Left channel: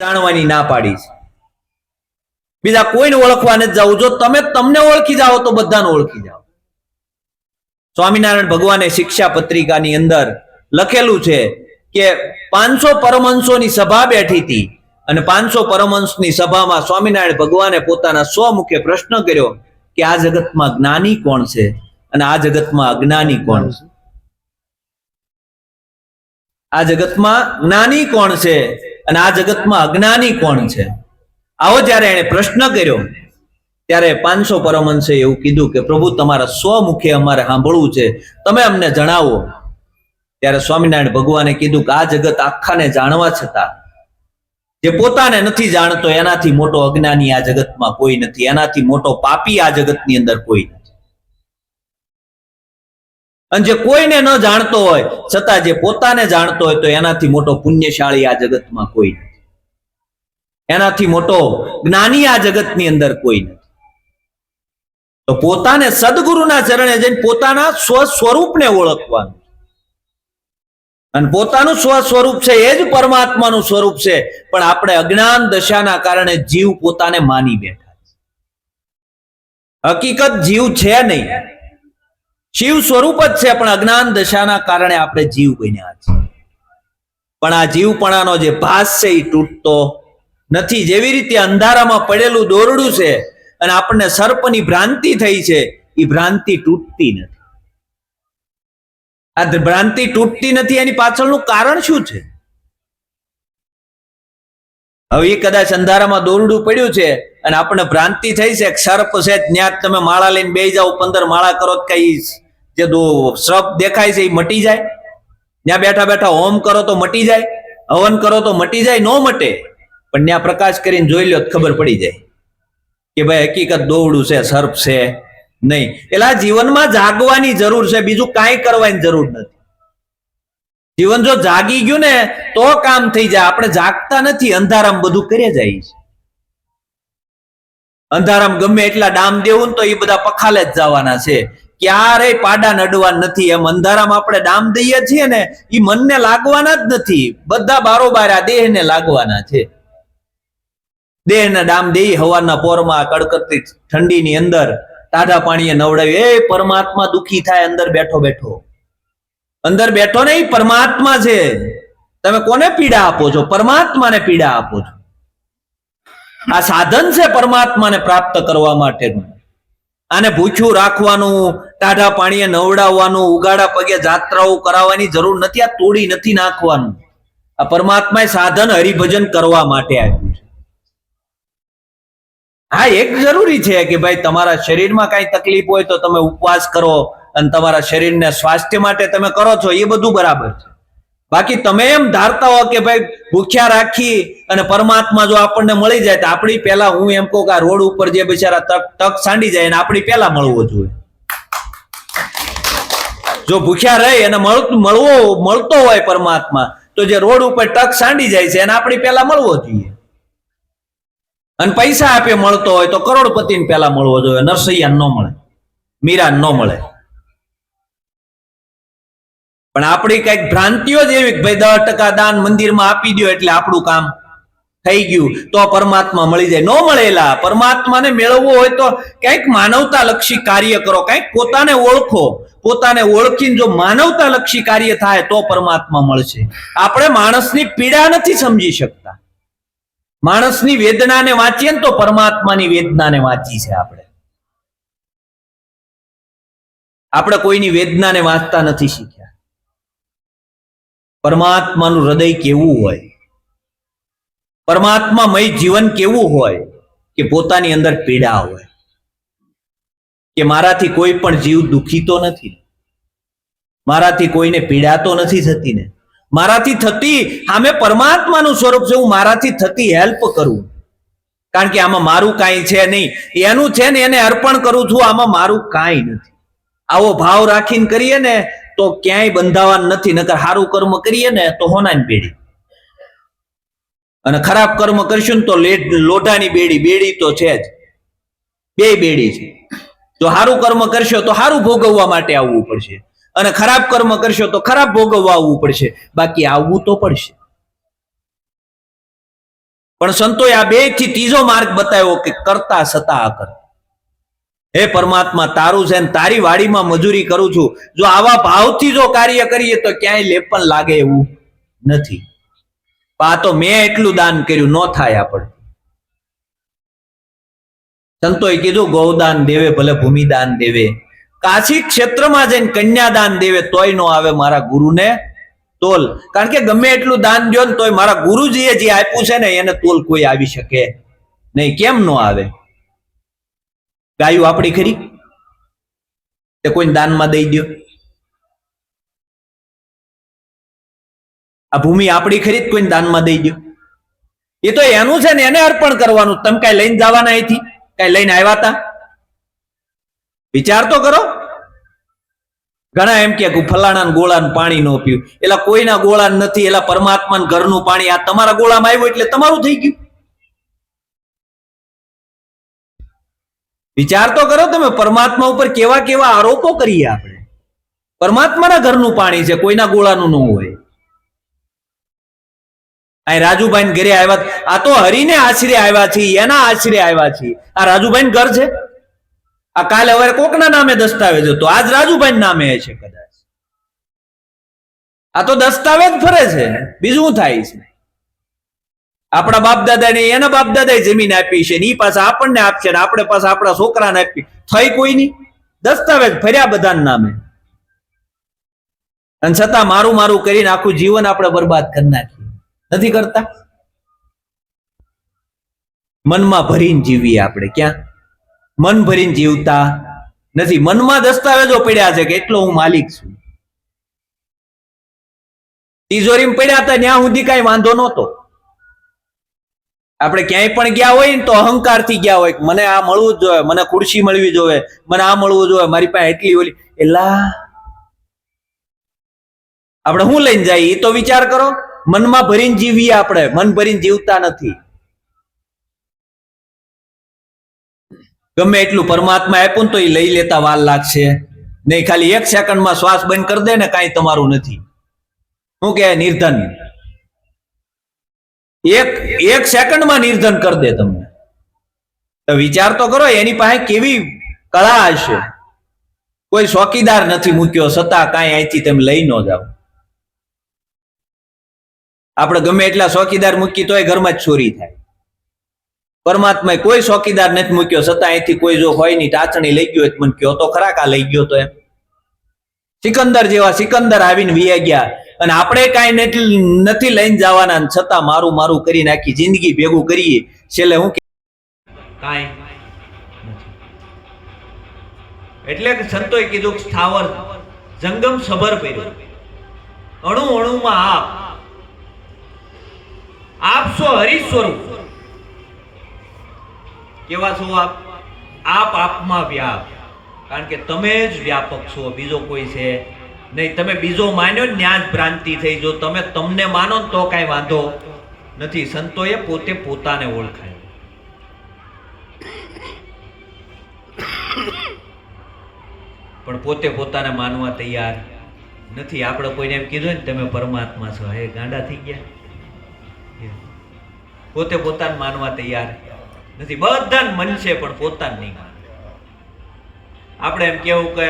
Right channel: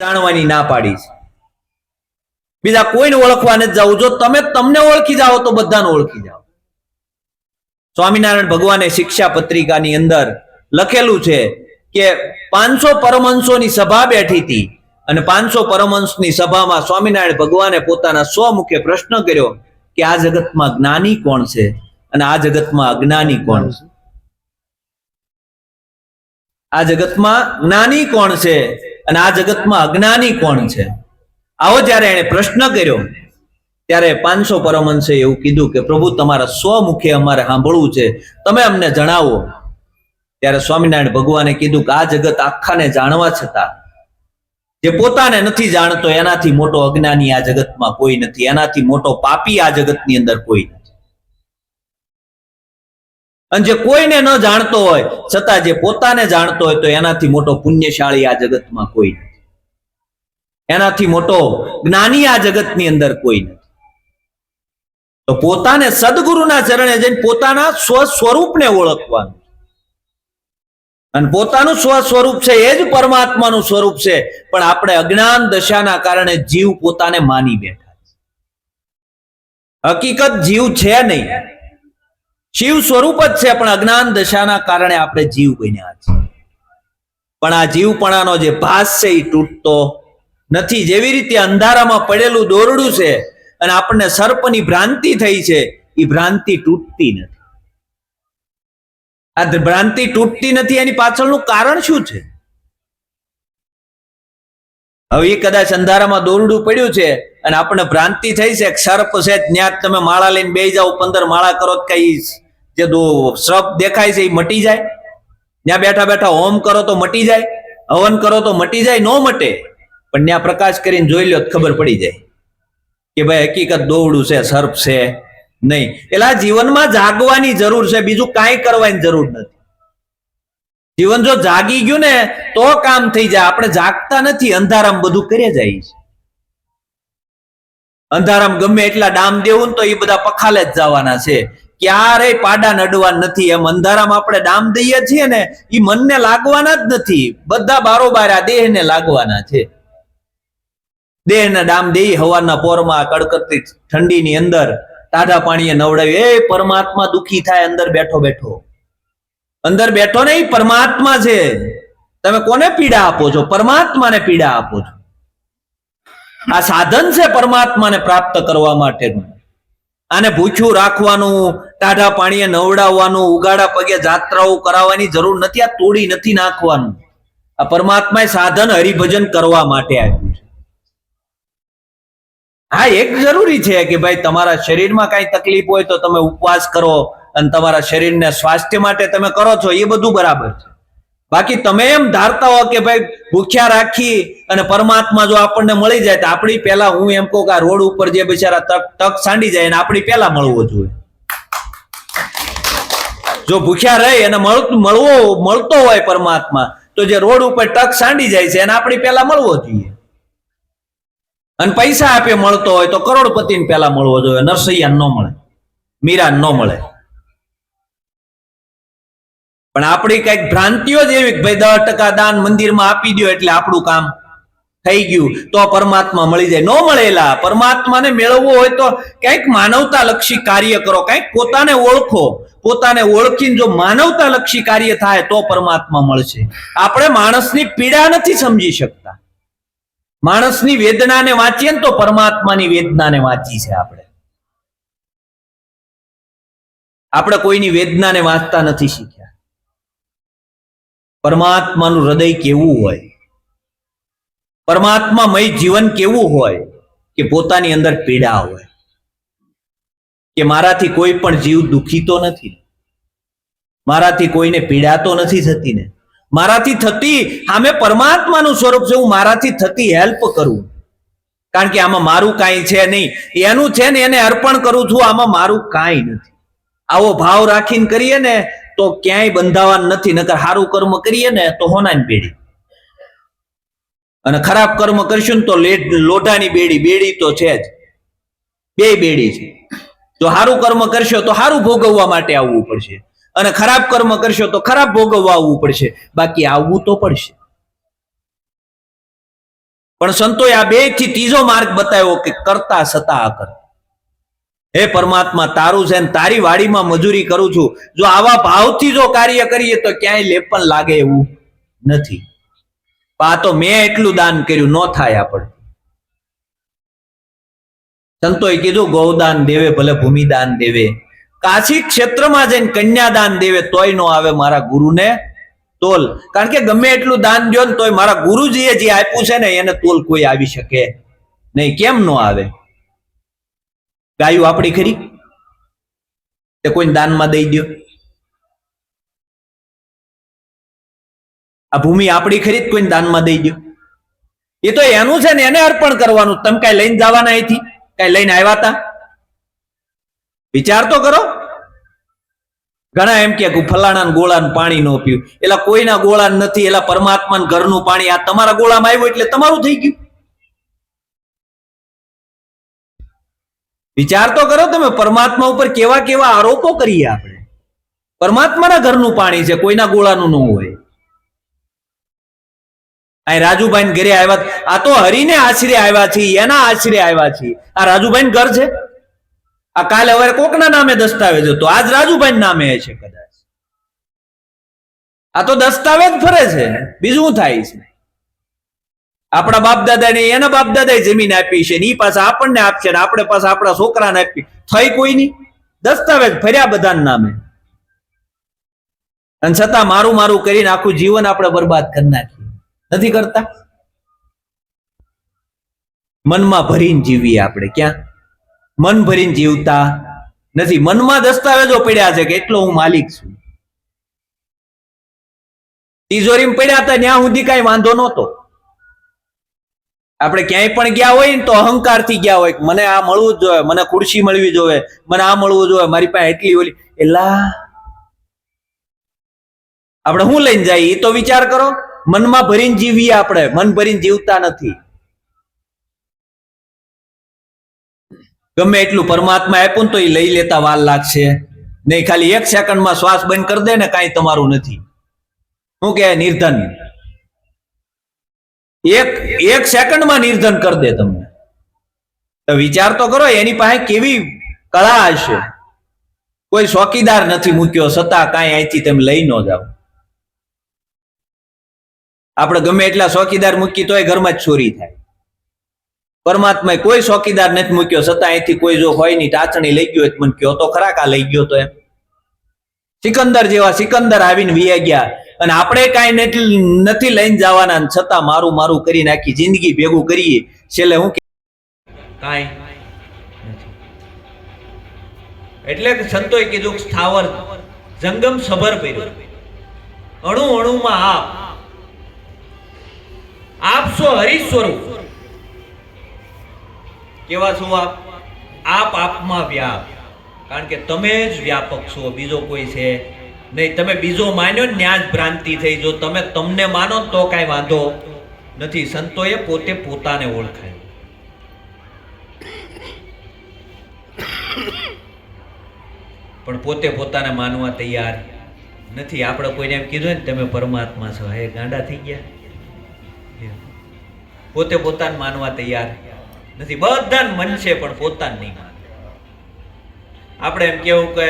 જાણવાની ના પાડી છે। બીજા કોઈને ઓળખવા નથી જવું। જો તમે તમને ઓળખી જાઓ તો બધાને ઓળખી જાઓ। સ્વામિનારાયણ ભગવાને શિક્ષા પત્રિકાની અંદર લખેલું છે કે 500 પરમહંસોની સભા બેઠી હતી અને 500 પરમહંસની સભામાં સ્વામિનારાયણ ભગવાને પોતાના સ્વમુખે પ્રશ્ન કર્યો કે આ જગતમાં જ્ઞાની કોણ છે અને આ જગતમાં અજ્ઞાની કોણ છે। આ જગતમાં જ્ઞાની કોણ છે અને આ જગતમાં અજ્ઞાની કોણ છે। આવો જ્યારે એને પ્રશ્ન કર્યો ત્યારે 500 પરમહંસે એવું કીધું કે પ્રભુ તમારા સ્વમુખે અમારે સાંભળવું છે, તમે અમને જણાવો। ત્યારે સ્વામિનારાયણ ભગવાને કીધું કે આ જગત આખાને જાણવા છતાં જે પોતાને નથી જાણતો એનાથી મોટો અજ્ઞાની આ જગતમાં કોઈ નથી, એનાથી મોટો પાપી આ જગતની અંદર કોઈ નથી। અને જે કોઈને ન જાણતો હોય છતાં જે પોતાને જાણતો હોય તો એનાથી મોટો પુણ્યશાળી આ જગતમાં કોઈ નથી, એનાથી મોટો જ્ઞાની આ જગતની અંદર કોઈ નથી। તો પોતાને સદગુરુના ચરણે જઈને પોતાના સ્વ સ્વરૂપને ઓળખવાનું અને પોતાનું સ્વ સ્વરૂપ છે એ જ પરમાત્માનું સ્વરૂપ છે। પણ આપણે અજ્ઞાન દશાના કારણે જીવ પોતાને માની બેઠા છે। હકીકત જીવ છે નહીં, શિવ સ્વરૂપ જ છે, પણ અજ્ઞાન દશાના કારણે આપણે જીવ બન્યા છે। પણ આ જીવપણાનો જે ભાસ છે એ તૂટતો નથી। જેવી રીતે અંધારામાં પડેલું દોરડું છે અને આપણને સર્પની ભ્રાંતિ થઈ છે, એ ભ્રાંતિ તૂટતી નથી। આ ભ્રાંતિ તૂટતી નથી એની પાછળનું કારણ શું છે? હવે એ કદાચ અંધારામાં દોરડું પડ્યું છે અને આપણને ભ્રાંતિ થઈ છે સર્પ છે, ત્યાં તમે માળા લઈને બેસી જાઓ, 15 માળા કરો કઈ જે સર્પ દેખાય છે એ મટી જાય? ત્યાં બેઠા બેઠા હોમ કરો તો મટી જાય, હવન કરો તો મટી જાય? નો મટે। પણ ત્યાં પ્રકાશ કરીને જોઈ લો ખબર પડી જાય કે ભાઈ હકીકત દોરડું છે, સર્પ છે નહીં। એટલે જીવનમાં જાગવાની જરૂર છે, બીજું કાંઈ કરવાની જરૂર નથી। જીવન જો જાગી ગયું ને તો કામ થઈ જાય। આપણે જાગતા નથી, અંધારામ બધું કરે જાય છે। અંધારામ ગમે એટલા ડામ દેવું ને તો એ બધા પખાલે જ જવાના છે, ક્યારેય પાડા નડવા નથી। એમ અંધારામ આપણે ડામ દઈએ છીએ ને એ મનને લાગવાના જ નથી, બધા બારોબાર આ દેહને લાગવાના છે। દેહને ડામ દઈ હવારના પોરમાં કડકડતી ઠંડીની અંદર ટાઢા પાણીએ નવડાવી, એ પરમાત્મા દુખી થાય અંદર બેઠો બેઠો, અંદર બેઠો ને એ પરમાત્મા છે। તમે કોને પીડા આપો છો? પરમાત્માને પીડા આપો છો। આ સાધન છે પરમાત્માને પ્રાપ્ત કરવા માટેનું। આને ભૂખ્યું રાખવાનું, ટાઢા પાણીએ નવડાવવાનું, ઉગાડા પગે જાત્રાઓ કરાવવાની જરૂર નથી, આ તોડી નથી નાખવાનું। આ પરમાત્માએ સાધન હરિભજન કરવા માટે આપ્યું છે। હા, એક જરૂરી છે કે ભાઈ તમારા શરીરમાં કઈ તકલીફ હોય તો તમે ઉપવાસ કરો અને તમારા શરીરને સ્વાસ્થ્ય માટે તમે કરો છો, એ બધું બરાબર છે। બાકી તમે એમ ધારતા હો કે ભાઈ ભૂખ્યા રાખી અને પરમાત્મા જો આપણને મળી જાય તો આપણી પહેલા, હું એમ કહું કે આ રોડ ઉપર જે બિચારા તક સાંડી જાય એને આપણી પહેલા મળવો જોઈએ। જો ભૂખ્યા રહી અને મળતો હોય પરમાત્મા તો જે રોડ ઉપર તક સાંડી જાય છે એને આપણી પહેલા મળવો જોઈએ। અને પૈસા આપે મળતો હોય તો કરોડપતિને પહેલા મળવો જોઈએ, નરસૈયા ન મળે, મીરા ન મળે। પણ આપણી કઈક ભ્રાંતિઓ જ એવી, ભાઈ 10% દાન મંદિરમાં આપી દો એટલે આપણું કામ થઈ ગયું, તો પરમાત્મા મળી જાય। ન મળેલા પરમાત્માને મેળવવું હોય તો કઈક માનવતા લક્ષી કાર્ય કરો, કઈક પોતાને ઓળખો। પોતાને ઓળખીને જો માનવતા લક્ષી કાર્ય થાય તો પરમાત્મા મળશે। આપણે માણસની પીડા નથી સમજી શકતા, માણસની વેદનાને વાંચીએ ને તો પરમાત્માની વેદનાને વાંચી છે આપણે કોઈની વેદનાને વાંચતા નથી શીખ્યા। પરમાત્માનું હૃદય કેવું હોય, પરમાત્મામય જીવન કેવું હોય કે પોતાની અંદર પીડા હોય કે મારાથી કોઈ પણ જીવ દુખી તો નથી, મારાથી કોઈને પીડા તો નથી થતી ને, મારાથી થતી આમે પરમાત્માનું સ્વરૂપ છે, હું મારાથી થતી હેલ્પ કરું, કારણ કે આમાં મારું કાંઈ છે નહીં, એનું છે ને એને અર્પણ કરું છું, આમાં મારું કાંઈ નથી। આવો ભાવ રાખીને કરીએ ને તો ક્યાંય બંધાવાનું નથી, નકર સારું કર્મ કરીએ ને તો હોનાની બેડી અને ખરાબ કર્મ કરશું ને તો લોઢાની બેડી, બેડી તો છે જ, બે બેડી છે। જો સારું કર્મ કરશો તો સારું ભોગવવા માટે આવવું પડશે અને ખરાબ કર્મ કરશો તો ખરાબ ભોગવવા આવવું પડશે, બાકી આવવું તો પડશે। પણ સંતોએ આ બે થી ત્રીજો માર્ગ બતાવ્યો કે કરતા છતાં અકર્તા. હે પરમાત્મા, તારું છે ને તારી વાડીમાં મજૂરી કરું છું, જો આવા ભાવથી જો કાર્ય કરીએ તો ક્યાંય લેપન લાગે એવું નથી. આ તો મેં એટલું દાન કર્યું, ન થાય આપણે. સંતોએ કીધું ગૌદાન દેવે ભલે ભૂમિદાન દેવે, કાશી ક્ષેત્રમાં જઈને કન્યાદાન દેવે તોય નો આવે મારા ગુરુને તોલ. કારણ કે ગમે એટલું દાન દો ને તોય મારા ગુરુજીએ જે આપ્યું છે ને એને તોલ કોઈ આવી શકે નહીં. કેમ નો આવે? ગાયું આપણી ખરી તે કોઈ દાનમાં દઈ દો? આ ભૂમિ આપણી ખરી કોઈ દાનમાં દઈ દો? એ તો એનું છે ને, એને અર્પણ કરવાનું. તમે કઈ લઈને જવાના અહીંથી? કઈ લઈને આવ્યા હતા? વિચાર તો કરો. ઘણા એમ કે ફલાણા ગોળાનું પાણી ન પીવું, એલા કોઈના ગોળા નથી, એલા પરમાત્માના ઘરનું પાણી. આ તમારા ગોળામાં આવ્યું એટલે તમારું થઈ ગયું. વિચાર તો કરો તમે, પરમાત્મા ઉપર કેવા કેવા આરોપો કરીએ આપણે. પરમાત્માના ઘરનું પાણી છે, કોઈના ગોળાનું ન હોય. આ રાજુભાઈ ઘરે આવ્યા, આ તો હરીને આશરે આવ્યા છે, એના આશરે આવ્યા છે. આ રાજુભાઈ ઘર છે? આ કાલે હવે કોકના નામે દસ્તાવેજ હતો, આજ રાજુભાઈ નામે છે કદાચ. આ તો દસ્તાવેજ ફરે છે, બીજું થાય છે. આપણા બાપ દાદા ને એના બાપ દાદા જમીન આપી છે, એ પાછા આપણને આપશે, ને આપણે પાછા આપણા છોકરાને આપી. થઈ કોઈ નહીં, દસ્તાવેજ ફર્યા બધાના નામે. અને છતાં મારું મારું કરીને આખું જીવન આપણે બરબાદ કરી નાખીએ. નથી કરતા? મનમાં ભરીને જીવીએ આપણે. ક્યાં મન ભરીને જીવતા નથી. મનમાં દસ્તાવેજો પડ્યા છે કે એટલો હું માલિક છું. તિજોરીમાં પડ્યા હતા ત્યાં સુધી કઈ વાંધો નહોતો. આપણે ક્યાંય પણ ગયા હોય ને તો અહંકારથી ગયા હોય, મને આ મળવું જ જોઈએ, મને ખુરશી મળવી જોઈએ, મને આ મળવું જોઈએ, મારી પાસે એટલી ઓલી. એલા આપણે શું લઈને જાય એ તો વિચાર કરો. મનમાં ભરીને જીવીએ આપણે, મન ભરીને જીવતા નથી. ગમે એટલું પરમાત્મા આપ્યું તો એ લઈ લેતા વાર લાગશે નહીં. ખાલી 1 સેકન્ડમાં શ્વાસ બંધ કરી દે ને, કાંઈ તમારું નથી. શું કે નિર્ધન? એક સેકન્ડમાં નિર્ધન કરી દે તમને. તો વિચાર તો કરો, એની પાસે કેવી કળા હશે. કોઈ ચોકીદાર નથી મૂક્યો, છતાં કાંઈ અહીંથી તમે લઈ ન જાઓ. આપણે ગમે એટલા ચોકીદાર મૂકી તોય ઘરમાં જ ચોરી થાય. પરમાત્માએ કોઈ ચોકીદાર નથી મૂક્યો, છતાં અહીંથી કોઈ જો હોય નહીં, ટાચણી લઈ ગયો, મને કયો તો ખરા કા લઈ ગયો તો એમ. સિકંદર જેવા સિકંદર આવીને વી ગયા, અને આપણે કાંઈ નથી લઈને જવાના, છતાં મારું મારું કરીને આખી જિંદગી ભેગું કરીએ. છેલ્લે હું કાંઈ નથી. એટલે સંતોએ કીધું સ્થાવર જંગમ સભર કર્યો, અણુ અણુમાં આપ છો હરિ સ્વરૂપ. કેવા છો આપ? આપ આપમાં વ્યાપ. કારણ કે તમે જ વ્યાપક છો, બીજો કોઈ છે નહીં. તમે બીજો માન્યો ને ત્યાં જ ભ્રાંતિ થઈ. જો તમે તમને માનો તો કાંઈ વાંધો નથી. સંતોએ પોતે પોતાને ઓળખાય. પણ પોતે પોતાને માનવા તૈયાર નથી. આપણે કોઈને એમ કીધું ને તમે પરમાત્મા છો, હે ગાંડા થઈ ગયા. પોતે પોતાને માનવા તૈયાર નથી. બધાને મન છે પણ પોતાને નહીં માને. આપણે એમ કેવું કે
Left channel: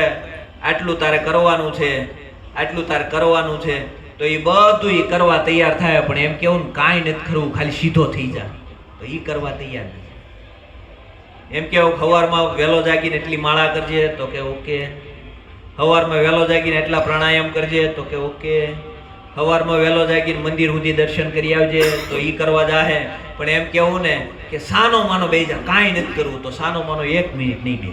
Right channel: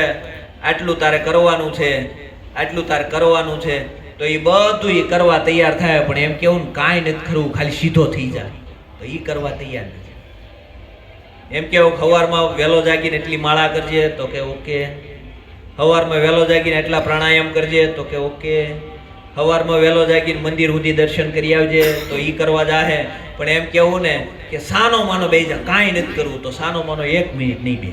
આટલું તારે કરવાનું છે, આટલું તારે કરવાનું છે, તો એ બધું એ કરવા તૈયાર થાય. પણ એમ કેવું ને કાંઈ નથી કરવું, ખાલી સીધો થઈ જાય, તો એ કરવા તૈયાર નથી. એમ કેવું સવારમાં વહેલો જાગીને એટલી માળા કરજે, તો કે ઓકે. સવારમાં વહેલો જાગીને એટલા પ્રાણાયામ કરજે, તો કે ઓકે. સવારમાં વહેલો જાગીને મંદિર સુધી દર્શન કરી આવજે, તો એ કરવા જાહે. પણ એમ કેવું ને કે સાનો માનો બેસી જા, કાંઈ નથી કરવું, તો સાનો માનો 1 મિનિટ નહીં બે.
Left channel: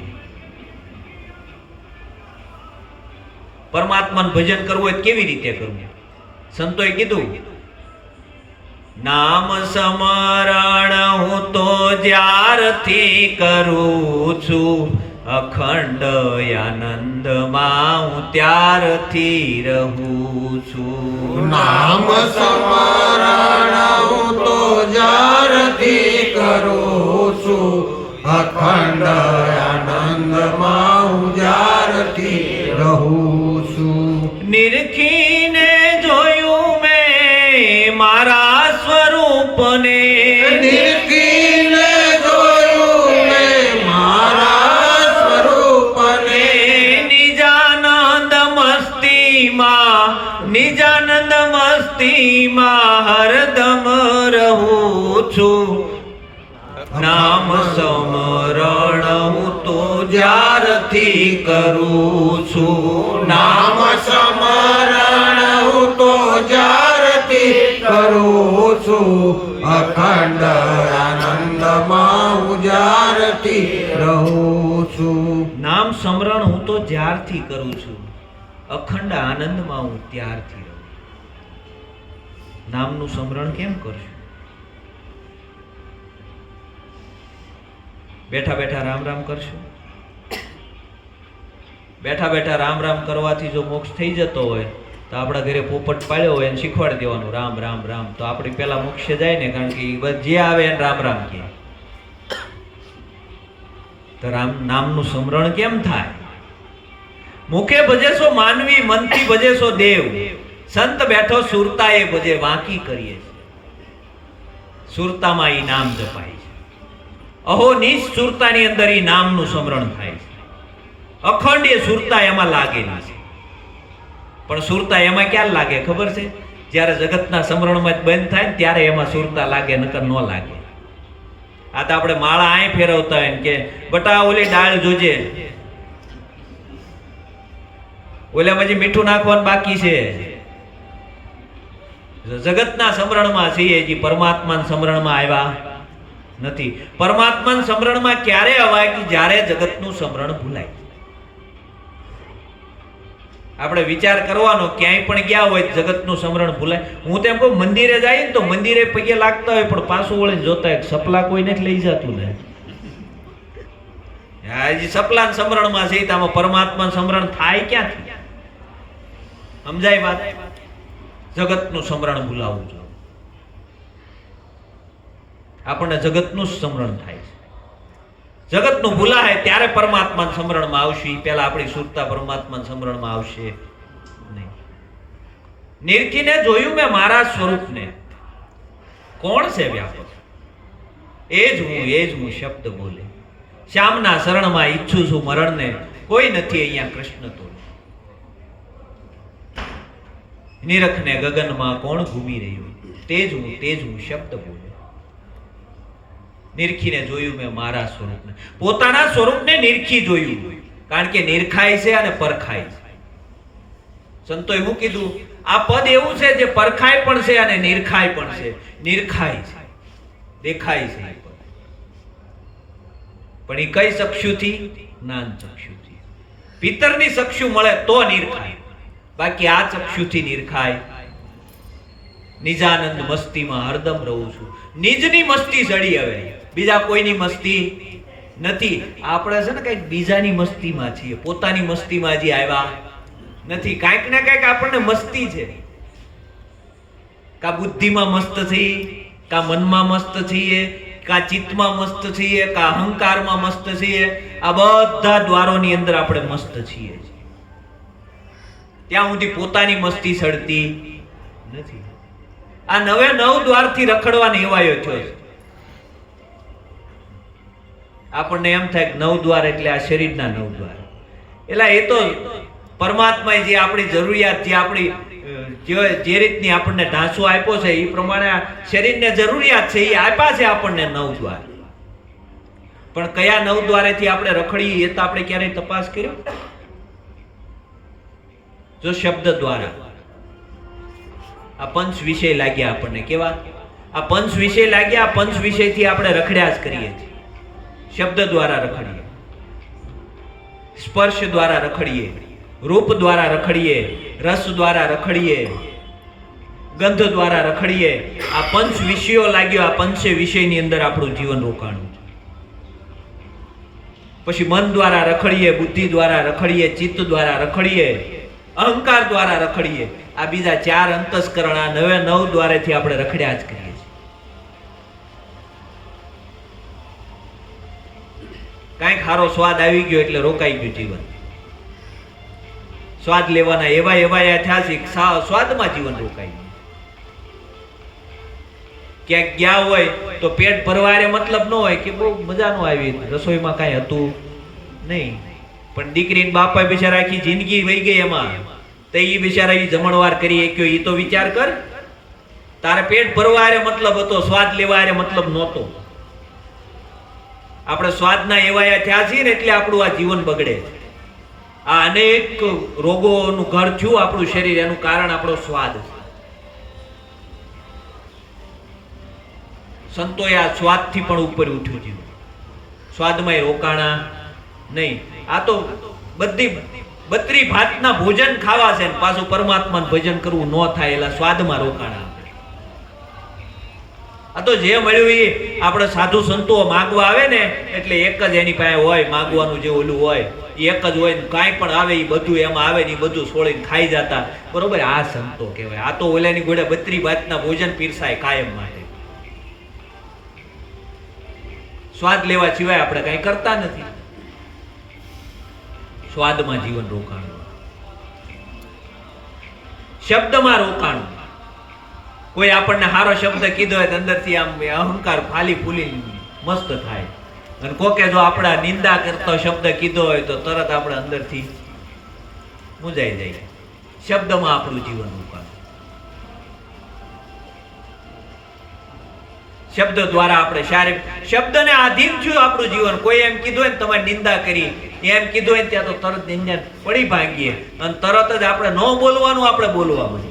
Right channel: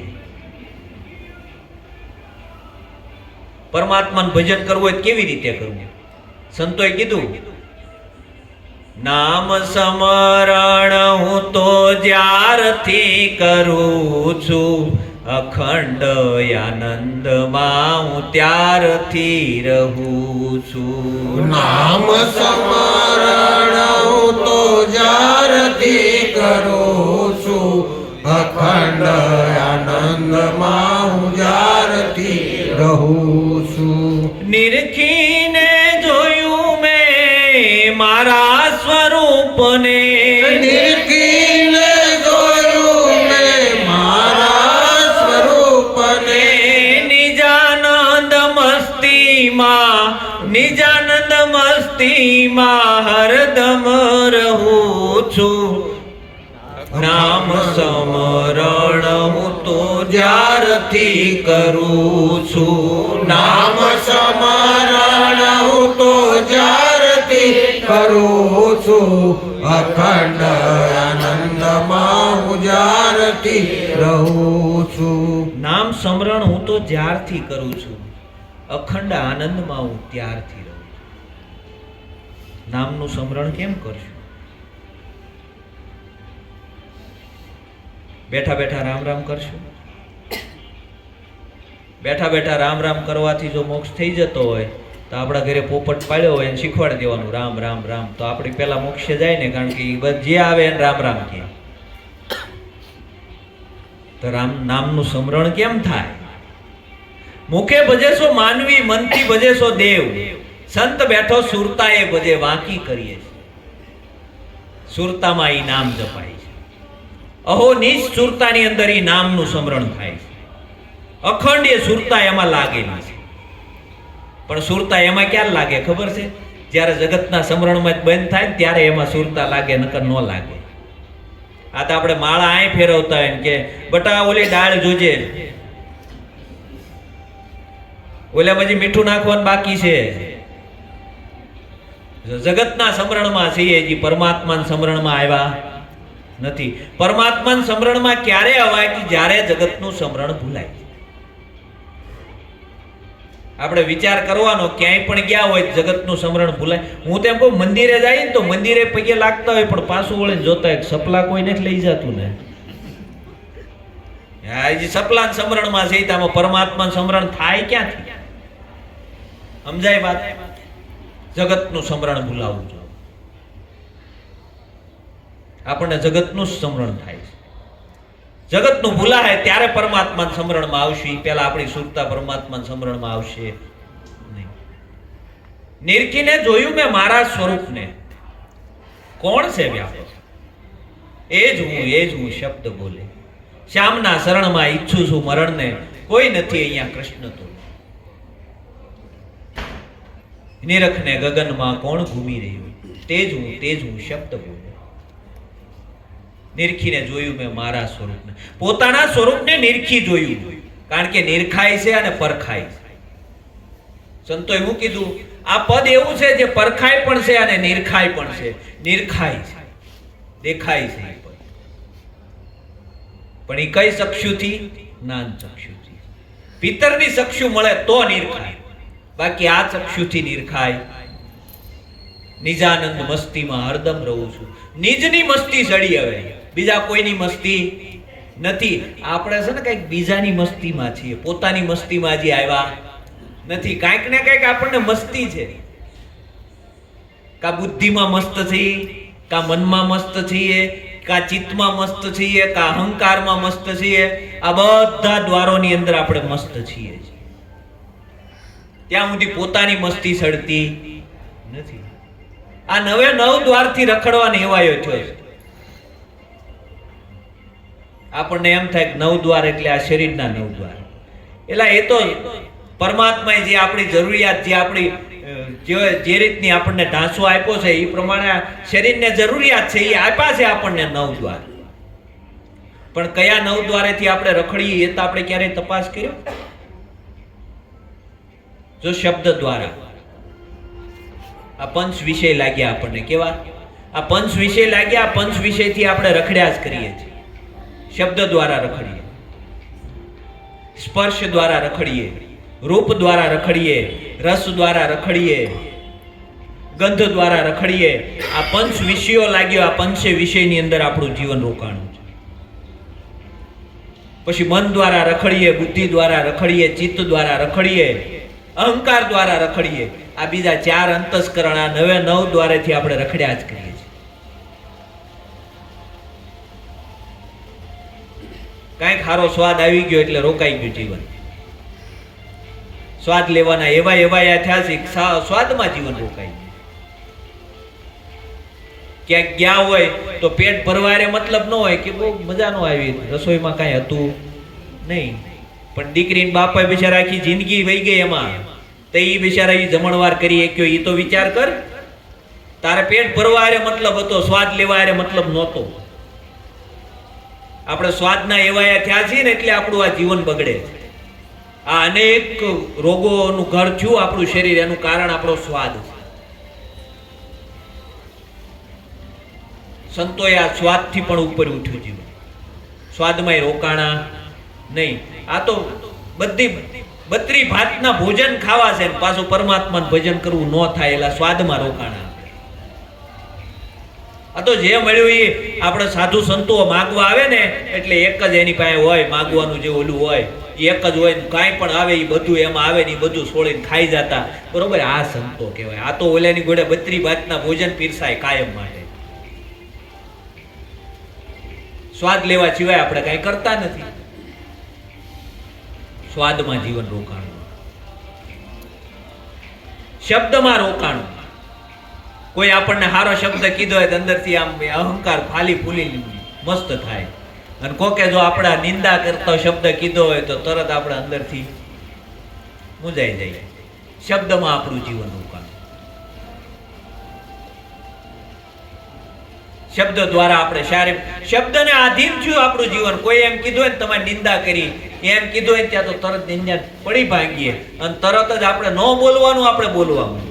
પરમાત્માનું ભજન કરવું હોય કેવી રીતે કરવું? સંતોએ કીધું, નામ સ્મરણ હું તો જ્યારથી કરું છું, અખંડ આનંદમાં હું ત્યારથી રહું છું. નામ સ્મરણ હું તો જ્યારથી કરું છું, અખંડ આનંદમાં હું જ્યારથી રહું છું. નિરખીને જોયું મેં મારા સ્વરૂપને, મસ્તીમાં હરદમ રહું છું, નામ સમરણ હું તો જ્યારથી કરું છું, નામ સ્મરણ હું તો જ્યારથી કરું છું, અખંડ આનંદમાં હું જ્યારથી રહું છું. નામ સ્મરણ હું તો જ્યારથી કરું છું, અખંડ આનંદમાં હું ત્યારથી રહું છું. નામનું સ્મરણ કેમ કરશું? બેઠા બેઠા રામ રામ કરશું? બેઠા બેઠા રામ રામ કરવાથી જો મોક્ષ થઈ જતો હોય તો આપણા ઘરે પોપટ પાડ્યો હોય એને શીખવાડી દેવાનું રામ રામ રામ, તો આપણી પેલા મોક્ષે જાય ને, કારણ કે જે આવે એને રામ રામ કહે. તો નામનું સ્મરણ કેમ થાય? મુખે ભજેશો માનવી, મનથી ભજેશો દેવ, સંત બેઠો સુરતા એ ભજે વાંકી કરીએ છે. સુરતામાં ઈ નામ જપાય છે. અહો નીચ સુરતાની અંદર ઈ નામનું સ્મરણ થાય છે. અખંડ એ સુરતા એમાં લાગેલી છે. પણ સુરતા એમાં ક્યાં લાગે ખબર છે? જ્યારે જગતના સ્મરણમાં બંધ થાય ને ત્યારે એમાં સુરતા લાગે, નકર ન લાગે. આ તો આપણે માળા આય ફેરવતા હોય કે બટા ઓલી ડાળ જોજે, ઓલામાં જે મીઠું નાખવાનું બાકી છે. જગતના સ્મરણમાં છીએ, જે પરમાત્માના સ્મરણમાં આવ્યા નથી. પરમાત્માના સ્મરણમાં ક્યારે અવાય કે જ્યારે જગતનું સ્મરણ ભૂલાય. આપણે વિચાર કરવાનો, ક્યાંય પણ ગયા હોય જગતનું સ્મરણ ભૂલાય. હું તેમ કહું મંદિરે જાય ને તો મંદિરે પગે લાગતા હોય પણ પાછું વળીને જોતા હોય સપલા કોઈ નથી લઈ જતું ને. હજી સપલા સ્મરણમાં છે તો આમાં પરમાત્માનું સ્મરણ થાય ક્યાંથી? સમજાય વાત? જગતનું સ્મરણ ભૂલાવવું જોઈએ. આપણને જગતનું સ્મરણ થાય છે. જગતનું ભૂલાય ત્યારે પરમાત્માના સ્મરણમાં આવશે. પહેલા આપણી સુરતા પરમાત્માના સ્મરણમાં આવશે નહીં. નિરખીને જોયું મેં મારા સ્વરૂપને, કોણ છે વ્યાપક? એ જ હું શબ્દ બોલે. શ્યામના શરણમાં ઈચ્છું છું મરણને, કોઈ નથી અહીંયા કૃષ્ણ તો. નિરખને ગગનમાં કોણ ઘૂમી રહ્યું, તે જ હું શબ્દ બોલે. નિરખીને જોયું મેં મારા સ્વરૂપને. પોતાના સ્વરૂપને નિરખી જોયું, કારણ કે નિરખાય છે અને પરખાય છે. સંતોએ એવું કીધું, આ પદ એવું છે જે પરખાય પણ છે અને નિરખાય પણ છે. નિરખાય છે, દેખાય છે એ પદ. પણ એ કઈ ચક્ષુથી? જ્ઞાન ચક્ષુથી. પિતરની ચક્ષુ મળે તો નિરખાય, બાકી આ ચક્ષુથી નિરખાય. નિજાનંદ મસ્તીમાં હરદમ રહું છું. નિજની મસ્તી ચડી, હવે બીજા કોઈની મસ્તી નથી. આપણે છે ને કઈક બીજાની મસ્તીમાં છીએ, પોતાની મસ્તીમાં હજી આવ્યા નથી. કાંઈક ને કાંઈક આપણને મસ્તી છે. કા બુદ્ધિમાં મસ્ત છીએ, કા મનમાં મસ્ત છીએ, કા ચિત્તમાં મસ્ત છીએ, કા અહંકારમાં મસ્ત છીએ. આ બધા દ્વારોની અંદર આપણે મસ્ત છીએ. ત્યાં સુધી પોતાની મસ્તી સડતી નથી. આ 9 દ્વારથી રખડવા નેવાયો થયો છે. આપણને એમ થાય કે 9 દ્વાર એટલે આ શરીરના 9 દ્વાર. એટલે એ તો પરમાત્માએ જે આપણી જરૂરિયાત, જે આપણી જે રીતની આપણને ઢાંચો આપ્યો છે એ પ્રમાણે આ શરીરને જરૂરિયાત છે, એ આપ્યા છે આપણને 9 દ્વાર. પણ કયા 9 દ્વારેથી આપણે રખડીએ એ તો આપણે ક્યારેય તપાસ કર્યો? જો શબ્દ દ્વારા આ પંચ વિષય લાગ્યા આપણને, કેવા આ પંચ વિષય લાગ્યા, આ પંચ વિષયથી આપણે રખડ્યા જ કરીએ છીએ. શબ્દ દ્વારા રખડીએ, સ્પર્શ દ્વારા રખડીએ, રૂપ દ્વારા રખડીએ, રસ દ્વારા રખડીએ, ગંધ દ્વારા રખડીએ. આ પંચ વિષયો લાગ્યો, આ પંચ વિષયની અંદર આપણું જીવન રોકાણું છે. પછી મન દ્વારા રખડીએ, બુદ્ધિ દ્વારા રખડીએ, ચિત્ત દ્વારા રખડીએ, અહંકાર દ્વારા રખડીએ. આ બીજા 4 અંતસ્કરણ, આ 9 દ્વારેથી આપણે રખડ્યા જ કરીએ છીએ. કાંઈક સારો સ્વાદ આવી ગયો એટલે રોકાઈ ગયું જીવન. સ્વાદ લેવાના એવા થયા છે, સ્વાદમાં જીવન રોકાઈ ગયું. ક્યાંક ગયા હોય તો પેટ ભરવારે મતલબ ન હોય કે બહુ મજા ન આવી, રસોઈમાં કાંઈ હતું નહીં, પણ દીકરી ને બાપા બિચારા આખી જિંદગી વહી ગઈ એમાં, તો એ બિચારા જમણવાર કરી શક્યો, એ તો વિચાર કર. તારે પેટ ભરવા હારે મતલબ હતો, સ્વાદ લેવા હારે મતલબ નહોતો. આપણે સ્વાદના એવાયા થયા છીએ ને એટલે આપણું આ જીવન બગડે છે. આ અનેક રોગોનું ઘર થયું આપણું શરીર, એનું કારણ આપણો સ્વાદ છે. સંતોએ આ સ્વાદથી પણ ઉપર ઉઠ્યું જીવન. સ્વાદમાં રોકાણા નહીં. આ તો બધી 32 ભાતના ભોજન ખાવા છે ને પાછું પરમાત્માનું ભજન કરવું ન થાય, એલા સ્વાદમાં રોકાણા. આ તો જે મળ્યું એ આપણે સાધુ સંતો માગવા આવે ને એટલે એક જ એની પાસે હોય, માગવાનું જે ઓલું હોય એ એક જ હોય. કાંઈ પણ આવે એ બધું એમાં આવે ને એ બધું છોડીને ખાઈ જતા. બરોબર, આ સંતો કહેવાય. આ તો ઓલાની ઘોડે 32 ભાતના ભોજન પીરસાય કાયમ માટે. સ્વાદ લેવા સિવાય આપણે કઈ કરતા નથી. સ્વાદમાં જીવન રોકાણું, શબ્દમાં રોકાણું. કોઈ આપણને સારો શબ્દ કીધો હોય તો અંદરથી આમ અહંકાર ફાલી ફૂલી મસ્ત થાય, અને કોકે જો આપણા નિંદા કરતો શબ્દ કીધો હોય તો તરત આપણે અંદરથી મૂંઝાઈ જાય. શબ્દમાં આપણું જીવન રોકાણું. શબ્દ દ્વારા આપણે શારીરિક શબ્દને આધીન થયું આપણું જીવન. કોઈ એમ કીધું હોય ને તમારી નિંદા કરી, એમ કીધું હોય ત્યાં તો તરત નિંદા પડી ભાંગીએ અને તરત જ આપણે ન બોલવાનું આપણે બોલવા માંડીએ.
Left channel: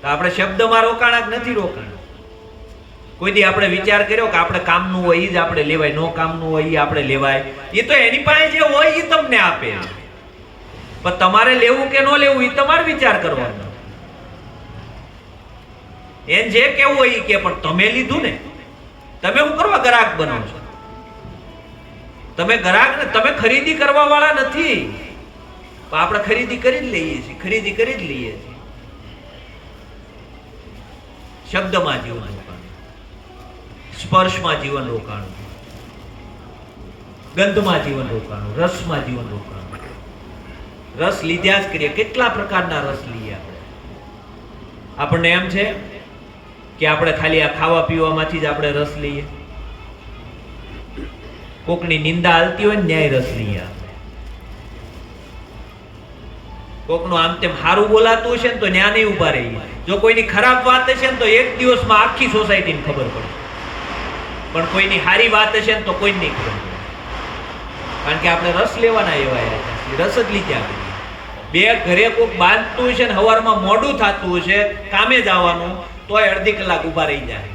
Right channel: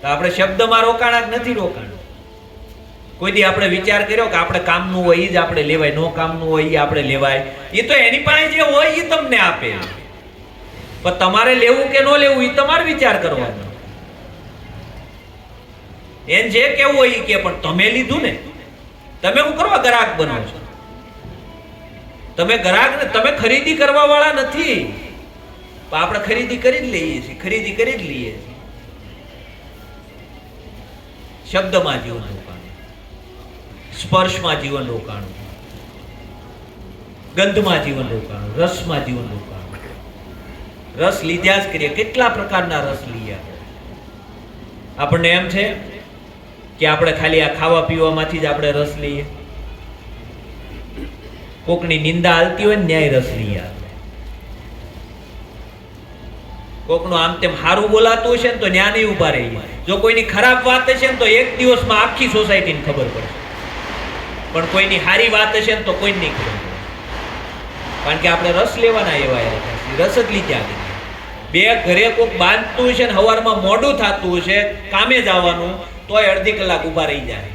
તો આપણે શબ્દમાં રોકાણા કે નથી રોકાણા? કોઈ દી આપણે વિચાર કર્યો કે આપણે કામનું હોય એ જ આપણે લેવાય, નો કામનું હોય એ આપણે લેવાય? એ તો એની પાસે જે હોય એ તમને આપે, પણ તમારે લેવું કે ન લેવું એ તમારે વિચાર કરવાનો. એમ જે કેવું હોય એ કે, પણ તમે લીધું ને, તમે શું કરવા ગ્રાહક બનો છો? તમે ગ્રાહક ને, તમે ખરીદી કરવા વાળા નથી. આપણે ખરીદી કરી જ લઈએ છીએ, ખરીદી કરી જ લઈએ છીએ. શબ્દમાં જીવન રોકાણું, સ્પર્શમાં જીવન રોકાણું, ગંધમાં જીવન રોકાણું, રસમાં જીવન રોકાણું. રસ લીધા જ કરીએ. કેટલા પ્રકારના રસ લઈએ આપણને એમ છે કે આપણે ખાલી આ ખાવા પીવામાંથી જ આપણે રસ લઈએ? કોકની નિંદા હાલતી હોય ને ન્યાય રસ લઈએ. કોકનું આમ તેમ સારું બોલાતું હશે ને તો ન્યા નહીં ઉભા રહીએ. જો કોઈની ખરાબ વાત હશે ને તો એક દિવસમાં આખી સોસાયટીને ખબર પડશે, પણ કોઈની સારી વાત હશે ને તો કોઈ નહીં ખબર પડે. કારણ કે આપણે રસ લેવાના એવા રસ જ લીધા. બે ઘરે કોઈક બાંધતું હશે ને સવારમાં મોડું થતું હશે કામે જવાનું, તોય અડધી કલાક ઉભા રહી જાય.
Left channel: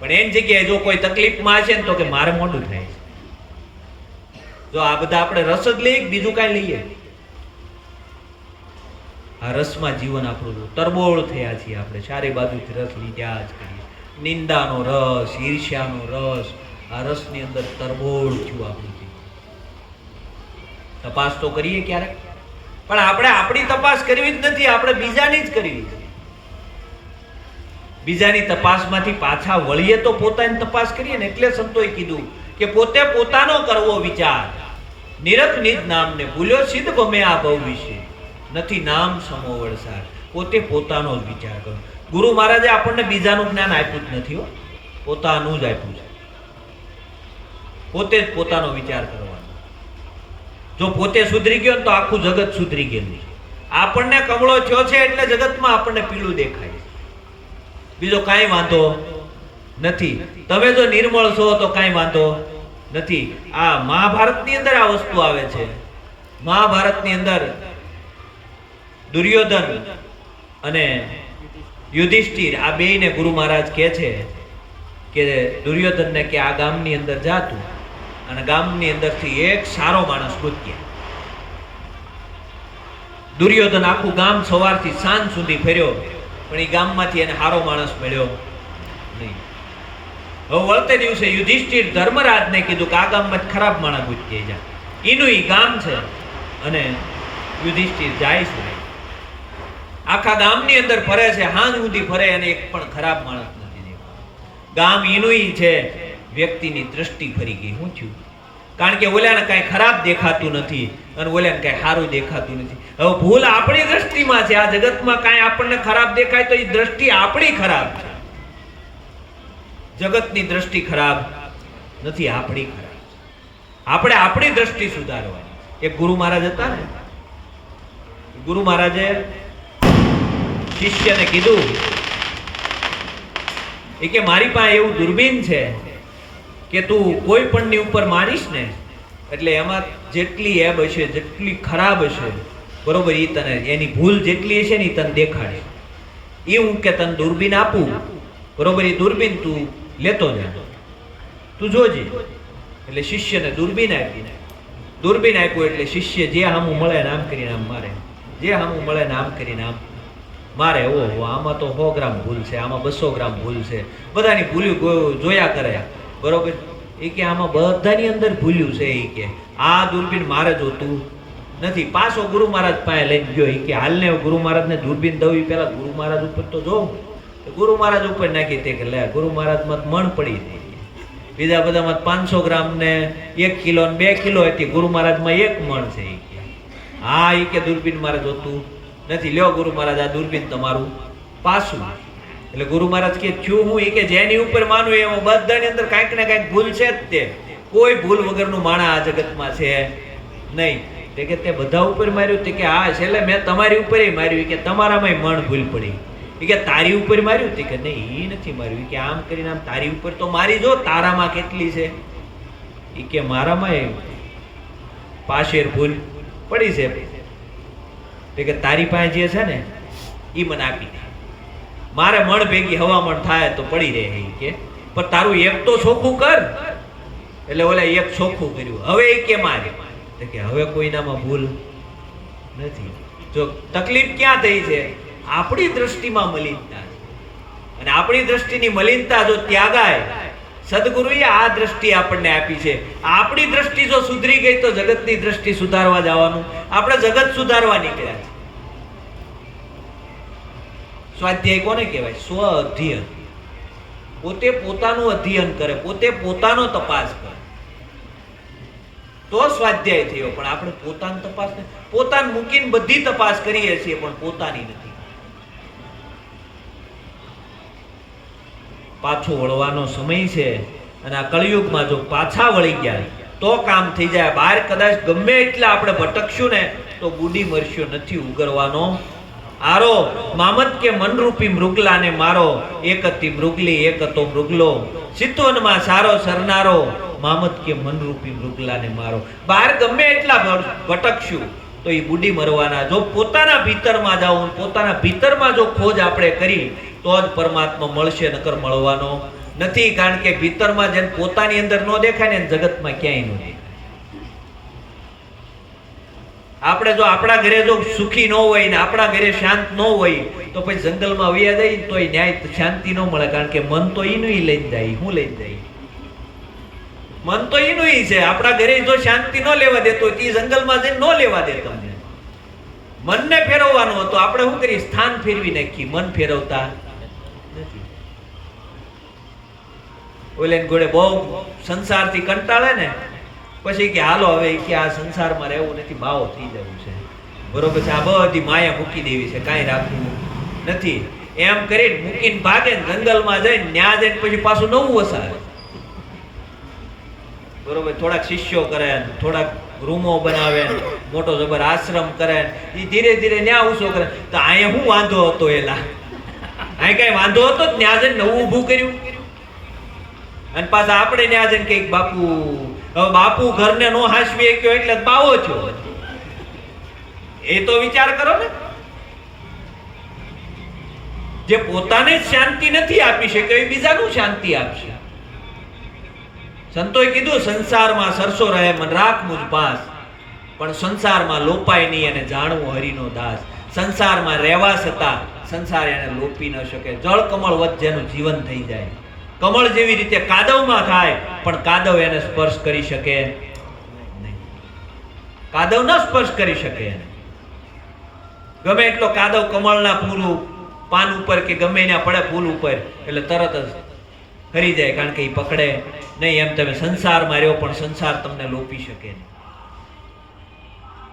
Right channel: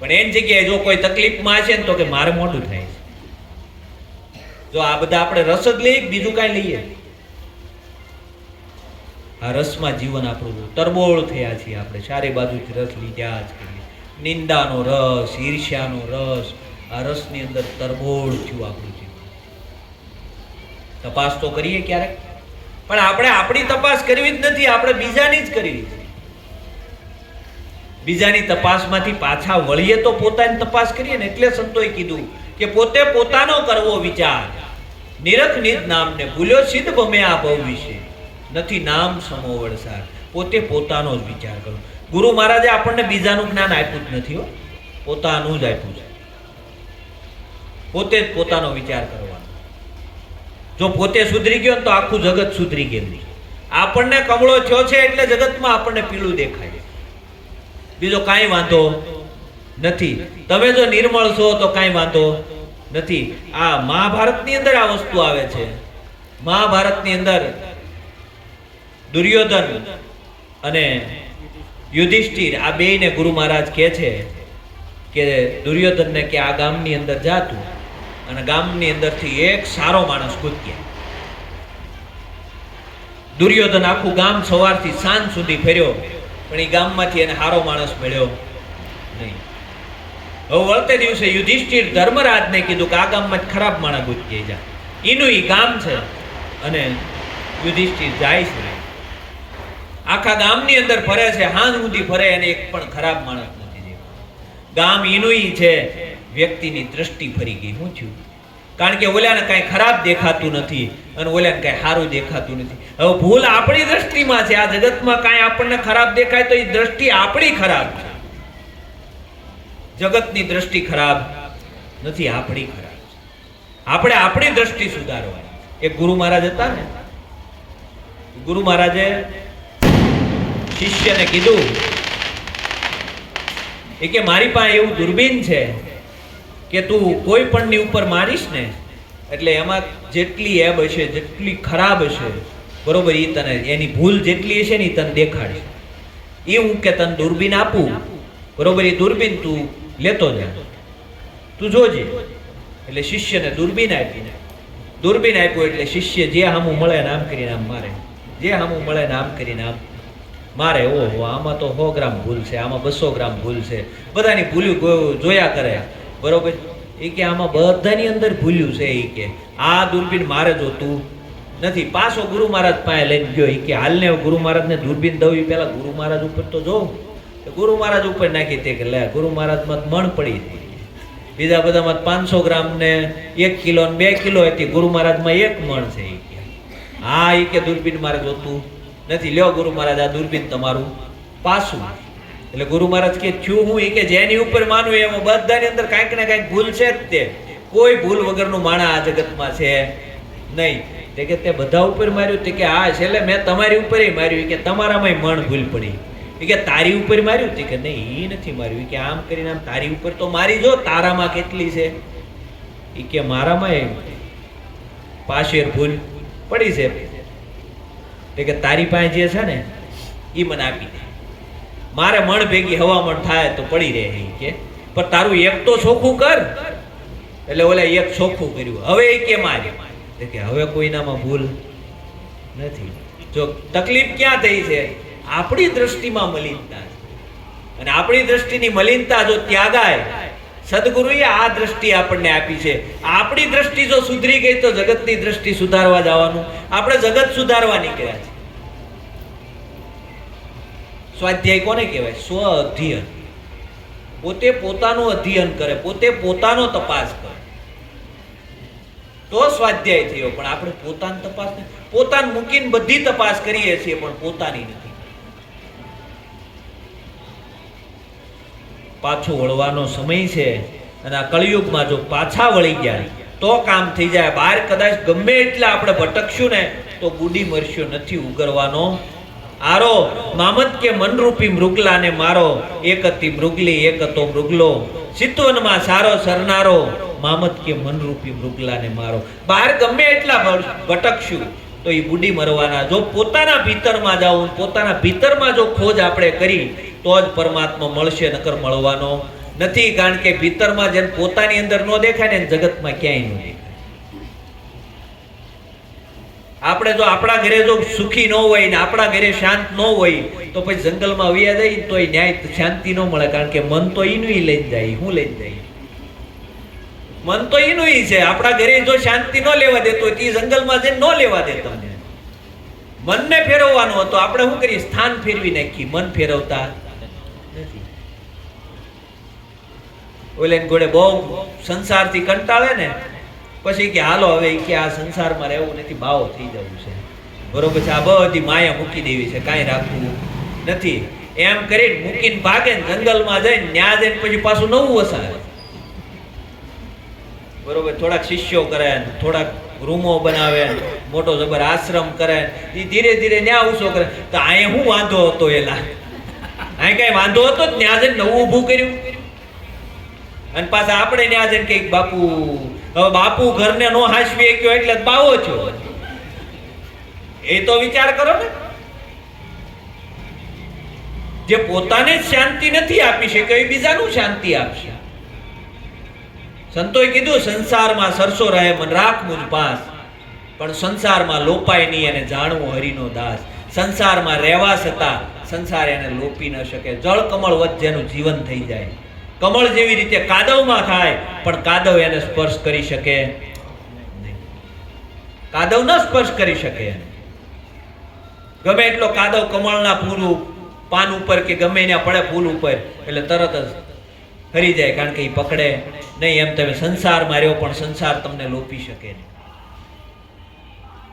પણ એની જગ્યાએ જો કોઈ તકલીફમાં હશે ને તો કે મારે મોડું થાય છે. જો આ બધા આપણે રસ જ લઈએ, બીજું કાંઈ લઈએ? આ રસમાં જીવન આપણું તરબોળ થયા છીએ. આપણે ચારે બાજુથી રસ લીધા જ કરીએ. નિંદાનો રસ, ઈર્ષ્યાનો રસ, આ રસની અંદર તરબોળ થયું આપણું જીવન. તપાસ તો કરીએ ક્યારેક, પણ આપણે આપણી તપાસ કરવી જ નથી, આપણે બીજાની જ કરવી છે. બીજાની તપાસમાંથી પાછા વળીએ તો પોતાની તપાસ કરીએ ને. એટલે સંતોએ કીધું કે પોતે પોતાનો કરવો વિચાર, નિરખ નિજ નામને ભૂલ્યો સિદ્ધ ભમે આ ભવ વિશે, નથી નામ સમો વળસાર. પોતે પોતાનો જ વિચાર કરો. ગુરુ મહારાજે આપણને બીજાનું જ્ઞાન આપ્યું જ નથી, પોતાનું જ આપ્યું છે. પોતે જ પોતાનો વિચાર કરવાનો. જો પોતે સુધરી ગયો તો આખું જગત સુધરી ગયેલું છે. આપણને કમળો થયો છે એટલે જગતમાં આપણને પીળું દેખાય, બીજો કાંઈ વાંધો નથી. તમે જો નિર્મળ છો તો કાંઈ વાંધો નથી. આ મહાભારતની અંદર આ વસ્તુ આવે છે. મહાભારતની અંદર દુર્યોધન અને યુધિષ્ઠિર આ બેયને ગુરુ મહારાજ કહે છે કે દુર્યોધનને કે આ ગામની અંદર જાતું અને ગામની અંદરથી એક સારો માણસ ગોત્યા. દુર્યોધન આખું ગામ સવારથી સાંજ સુધી ફર્યો, પણ એ ગામમાંથી એને સારો માણસ મળ્યો નહીં. હવે વળતે દિવસે યુધિષ્ઠિર ધર્મરાજને કીધું કે આ ગામમાં ખરાબ માણસ ગોતી જાય. એનું ઈ ગામ છે અને યુધિષ્ઠિર જાય છે. આખા ગામની અંદર ફરે છે, હાંજ સુધી ફરે અને એક પણ ખરાબ માણસ નથી. ગામ એનું છે, વ્યક્તિની દ્રષ્ટિ ફરી ગઈ. શું થયું? કારણ કે ઓલાને કાંઈ ખરાબ દેખાતું નથી અને ઓલાને કાંઈ સારું દેખાતું નથી. હવે ભૂલ આપણી દ્રષ્ટિમાં છે. આ જગતમાં કાંઈ આપણને ખરાબ દેખાય તો એ દ્રષ્ટિ આપણી ખરાબ છે. જગતની દ્રષ્ટિ ખરાબ નથી, આપણી ખરાબ છે. આપણે આપણી દ્રષ્ટિ સુધારવાની. એક ગુરુ મહારાજ હતા ને, ગુરુ મહારાજે શિષ્યને કીધું એ કે મારી પાસે એવું દૂરબીન છે કે તું કોઈ પણની ઉપર મારીશ ને એટલે એમાં જેટલી એબ હશે, જેટલી ખરાબ હશે, બરોબર, એ તને એની ભૂલ જેટલી હશે ને એ તને દેખાડશે. એ હું કે તને દૂરબીન આપું, બરોબર, એ દૂરબીન તું લેતો જા, તું જોજે. એટલે શિષ્યને દૂરબીન આપી. દૂરબીન આપ્યું એટલે શિષ્ય જે હામું મળે ને આમ કરીને આમ મારે, જે હામું મળે ને આમ કરીને આમ મારે. ઓહો, આમાં તો 100 ગ્રામ ભૂલ છે, આમાં 200 ગ્રામ ભૂલ છે, બધાની ભૂલ્યું જોયા કરે, બરોબર. એ કે આમાં બધાની અંદર ભૂલ્યું છે. એ કે આ દૂરબીન મારે જોતું નથી. પાછો ગુરુ મહારાજ પાસે લઈને ગયો. એ કે હાલને ગુરુ મહારાજને દૂરબીન દઉં, પેલા ગુરુ મહારાજ ઉપર તો જોઉં. ગુરુ મહારાજ ઉપર નાખી તે કે લે, ગુરુ મહારાજમાં મણ પડી હતી, બીજા બધામાં 500 ગ્રામ ને 1 કિલો ને 2 કિલો હતી, ગુરુ મહારાજમાં 1 મણ છે. એ કે હા, એ કે દૂરબીન મારે જોતું નથી, લ્યો ગુરુ મહારાજ આ દૂરબીન તમારું પાછું. એટલે ગુરુ મહારાજ કે થયું હું? એ કે જેની ઉપર માનું એમાં બધાની અંદર કાંઈક ને કાંઈક ભૂલ છે જ. તે કોઈ ભૂલ વગરનું માણસ આ જગતમાં છે નહીં. તે કે તે બધા ઉપર માર્યું? તે કે હા, છેલ્લે મેં તમારી ઉપર માર્યું. કે તમારામાં મણ ભૂલ પડી. એ કે તારી ઉપર માર્યું? તે કે નહીં, એ નથી માર્યું. કે આમ કરીને આમ તારી ઉપર તો મારી જો, તારામાં કેટલી છે? એ કે મારામાં પાશેર ભૂલ પડી છે. તે કે તારી પાસે જે છે ને એ મને આપી દે, મારે મણ ભેગી હવામણ થાય તો પડી રહે. એ કે પણ તારું એક તો ચોખ્ખું કર. એટલે ઓલા એક ચોખ્ખું કર્યું. હવે એ કે મારે કે હવે કોઈનામાં ભૂલ નથી. જો તકલીફ ક્યાં થઈ છે? આપણી દ્રષ્ટિમાં મલિનતા છે. અને આપણી દ્રષ્ટિની મલિનતા જો ત્યાગાય, સદગુરુએ આ દ્રષ્ટિ આપણને આપી છે. આપણી દ્રષ્ટિ જો સુધરી ગઈ તો જગતની દ્રષ્ટિ સુધારવા જવાનું. આપણે જગત સુધારવા નીકળ્યા છે. સ્વાધ્યાય કોને કહેવાય? સ્વ અધ્યયન. પોતે પોતાનું અધ્યયન કરે, પોતે પોતાનો તપાસ કરે તો સ્વાધ્યાય થયો. પણ આપણે પોતાની તપાસ, પોતાને મૂકીને બધી તપાસ કરીએ છીએ પણ પોતાની નથી. પાછો વળવાનો સમય છે અને આ કળિયુગમાં જો પાછા વળી ગયા તો કામ થઈ જાય. બહાર કદાચ ગમે એટલે આપણે ભટકશું ને તો બુડી મરશું, નથી ઉગરવાનો આરો. મામત કે મનરૂપી મૃગલાને મારો, એક હતી મૃગલી એક હતો મૃગલો, ચિત્તવનમાં સારો સરનારો, મામત કે મનરૂપી મૃગલાને મારો. બહાર ગમે એટલા ભટકશું તો એ બુડી મરવાના. જો પોતાના ભીતરમાં જાઉં, પોતાના ભીતરમાં જો ખોજ આપણે કરી તો જ પરમાત્મા મળશે, નકર મળવાનો નથી. કારણ કે ભીતરમાં જેને પોતાની અંદર ન દેખાય ને જગતમાં ક્યાંય ન દેખાય. આપણે જો આપણા ઘરે જો સુખી ન હોય ને આપણા ઘરે શાંત ન હોય તો પછી જંગલમાં વયા જાય તો ન્યાય શાંતિ ન મળે. કારણ કે મન તો એનું લઈને જાય. હું લઈને જાય? મન તો એનું છે. આપણા ઘરે જો શાંતિ ન લેવા દેતો એ જંગલમાં જઈને ન લેવા દે તમને. મનને ફેરવવાનું હતો, આપણે શું કરીએ? સ્થાન ફેરવી નાખી, મન ફેરવતા નથી. ઓલે ઘોડે બહુ સંસારથી કંટાળે ને પછી કે હાલો હવે કે આ સંસારમાં રહેવું નથી, ભાવ થઈ જાય છે, બરોબર છે, આ બધી માયા મૂકી દેવી છે, કાંઈ રાખવું નથી. એમ કરીને મૂકીને ભાગે ને જંગલમાં જઈને ન્યા જઈને પછી પાછું નવું વસાવે. બરોબર, થોડાક શિષ્યો કરે, થોડાક રૂમો બનાવે, મોટો જબર આશ્રમ કરે, એ ધીરે ધીરે ન્યા ઊંચો કરે. તો અહીંયા શું વાંધો હતો? એલા અહીં કઈ વાંધો હતો જ? ન્યા જઈને નવું ઊભું કર્યું. અને પાછા આપણે ન્યા જઈને કઈક બાપુ, હવે બાપુ ઘરને નો હાંસવી ગયો એટલે બાવો છો. એ તો વિચાર કરો ને. જે પોતાને જ શાંતિ નથી આપી શકે એ બીજાનું શાંતિ આપશે. સંતોએ કીધું સંસારમાં સરસો રહે મન રાખ મુજ પાસ, પણ સંસારમાં લોપાય નહીં અને જાણવું હરિનો દાસ. સંસારમાં રહેવા છતાં સંસાર એને લોપી ન શકે. જળ કમળ વધ જેનું જીવન થઈ જાય. કમળ જેવી રીતે કાદવમાં થાય પણ કાદવ એને સ્પર્શ કરી શકે નહીં. કાદવ ન સ્પર્શ કરી શકે. ગમે એટલો કાદવ કમળના ફૂલ પાન ઉપર કે ગમે એના પડે ફૂલ ઉપર એટલે તરત જ ખરી જાય, કારણ કે એ પકડે નહીં. એમ તમે સંસારમાં રહ્યો પણ સંસાર તમને લોપી શકે નહીં.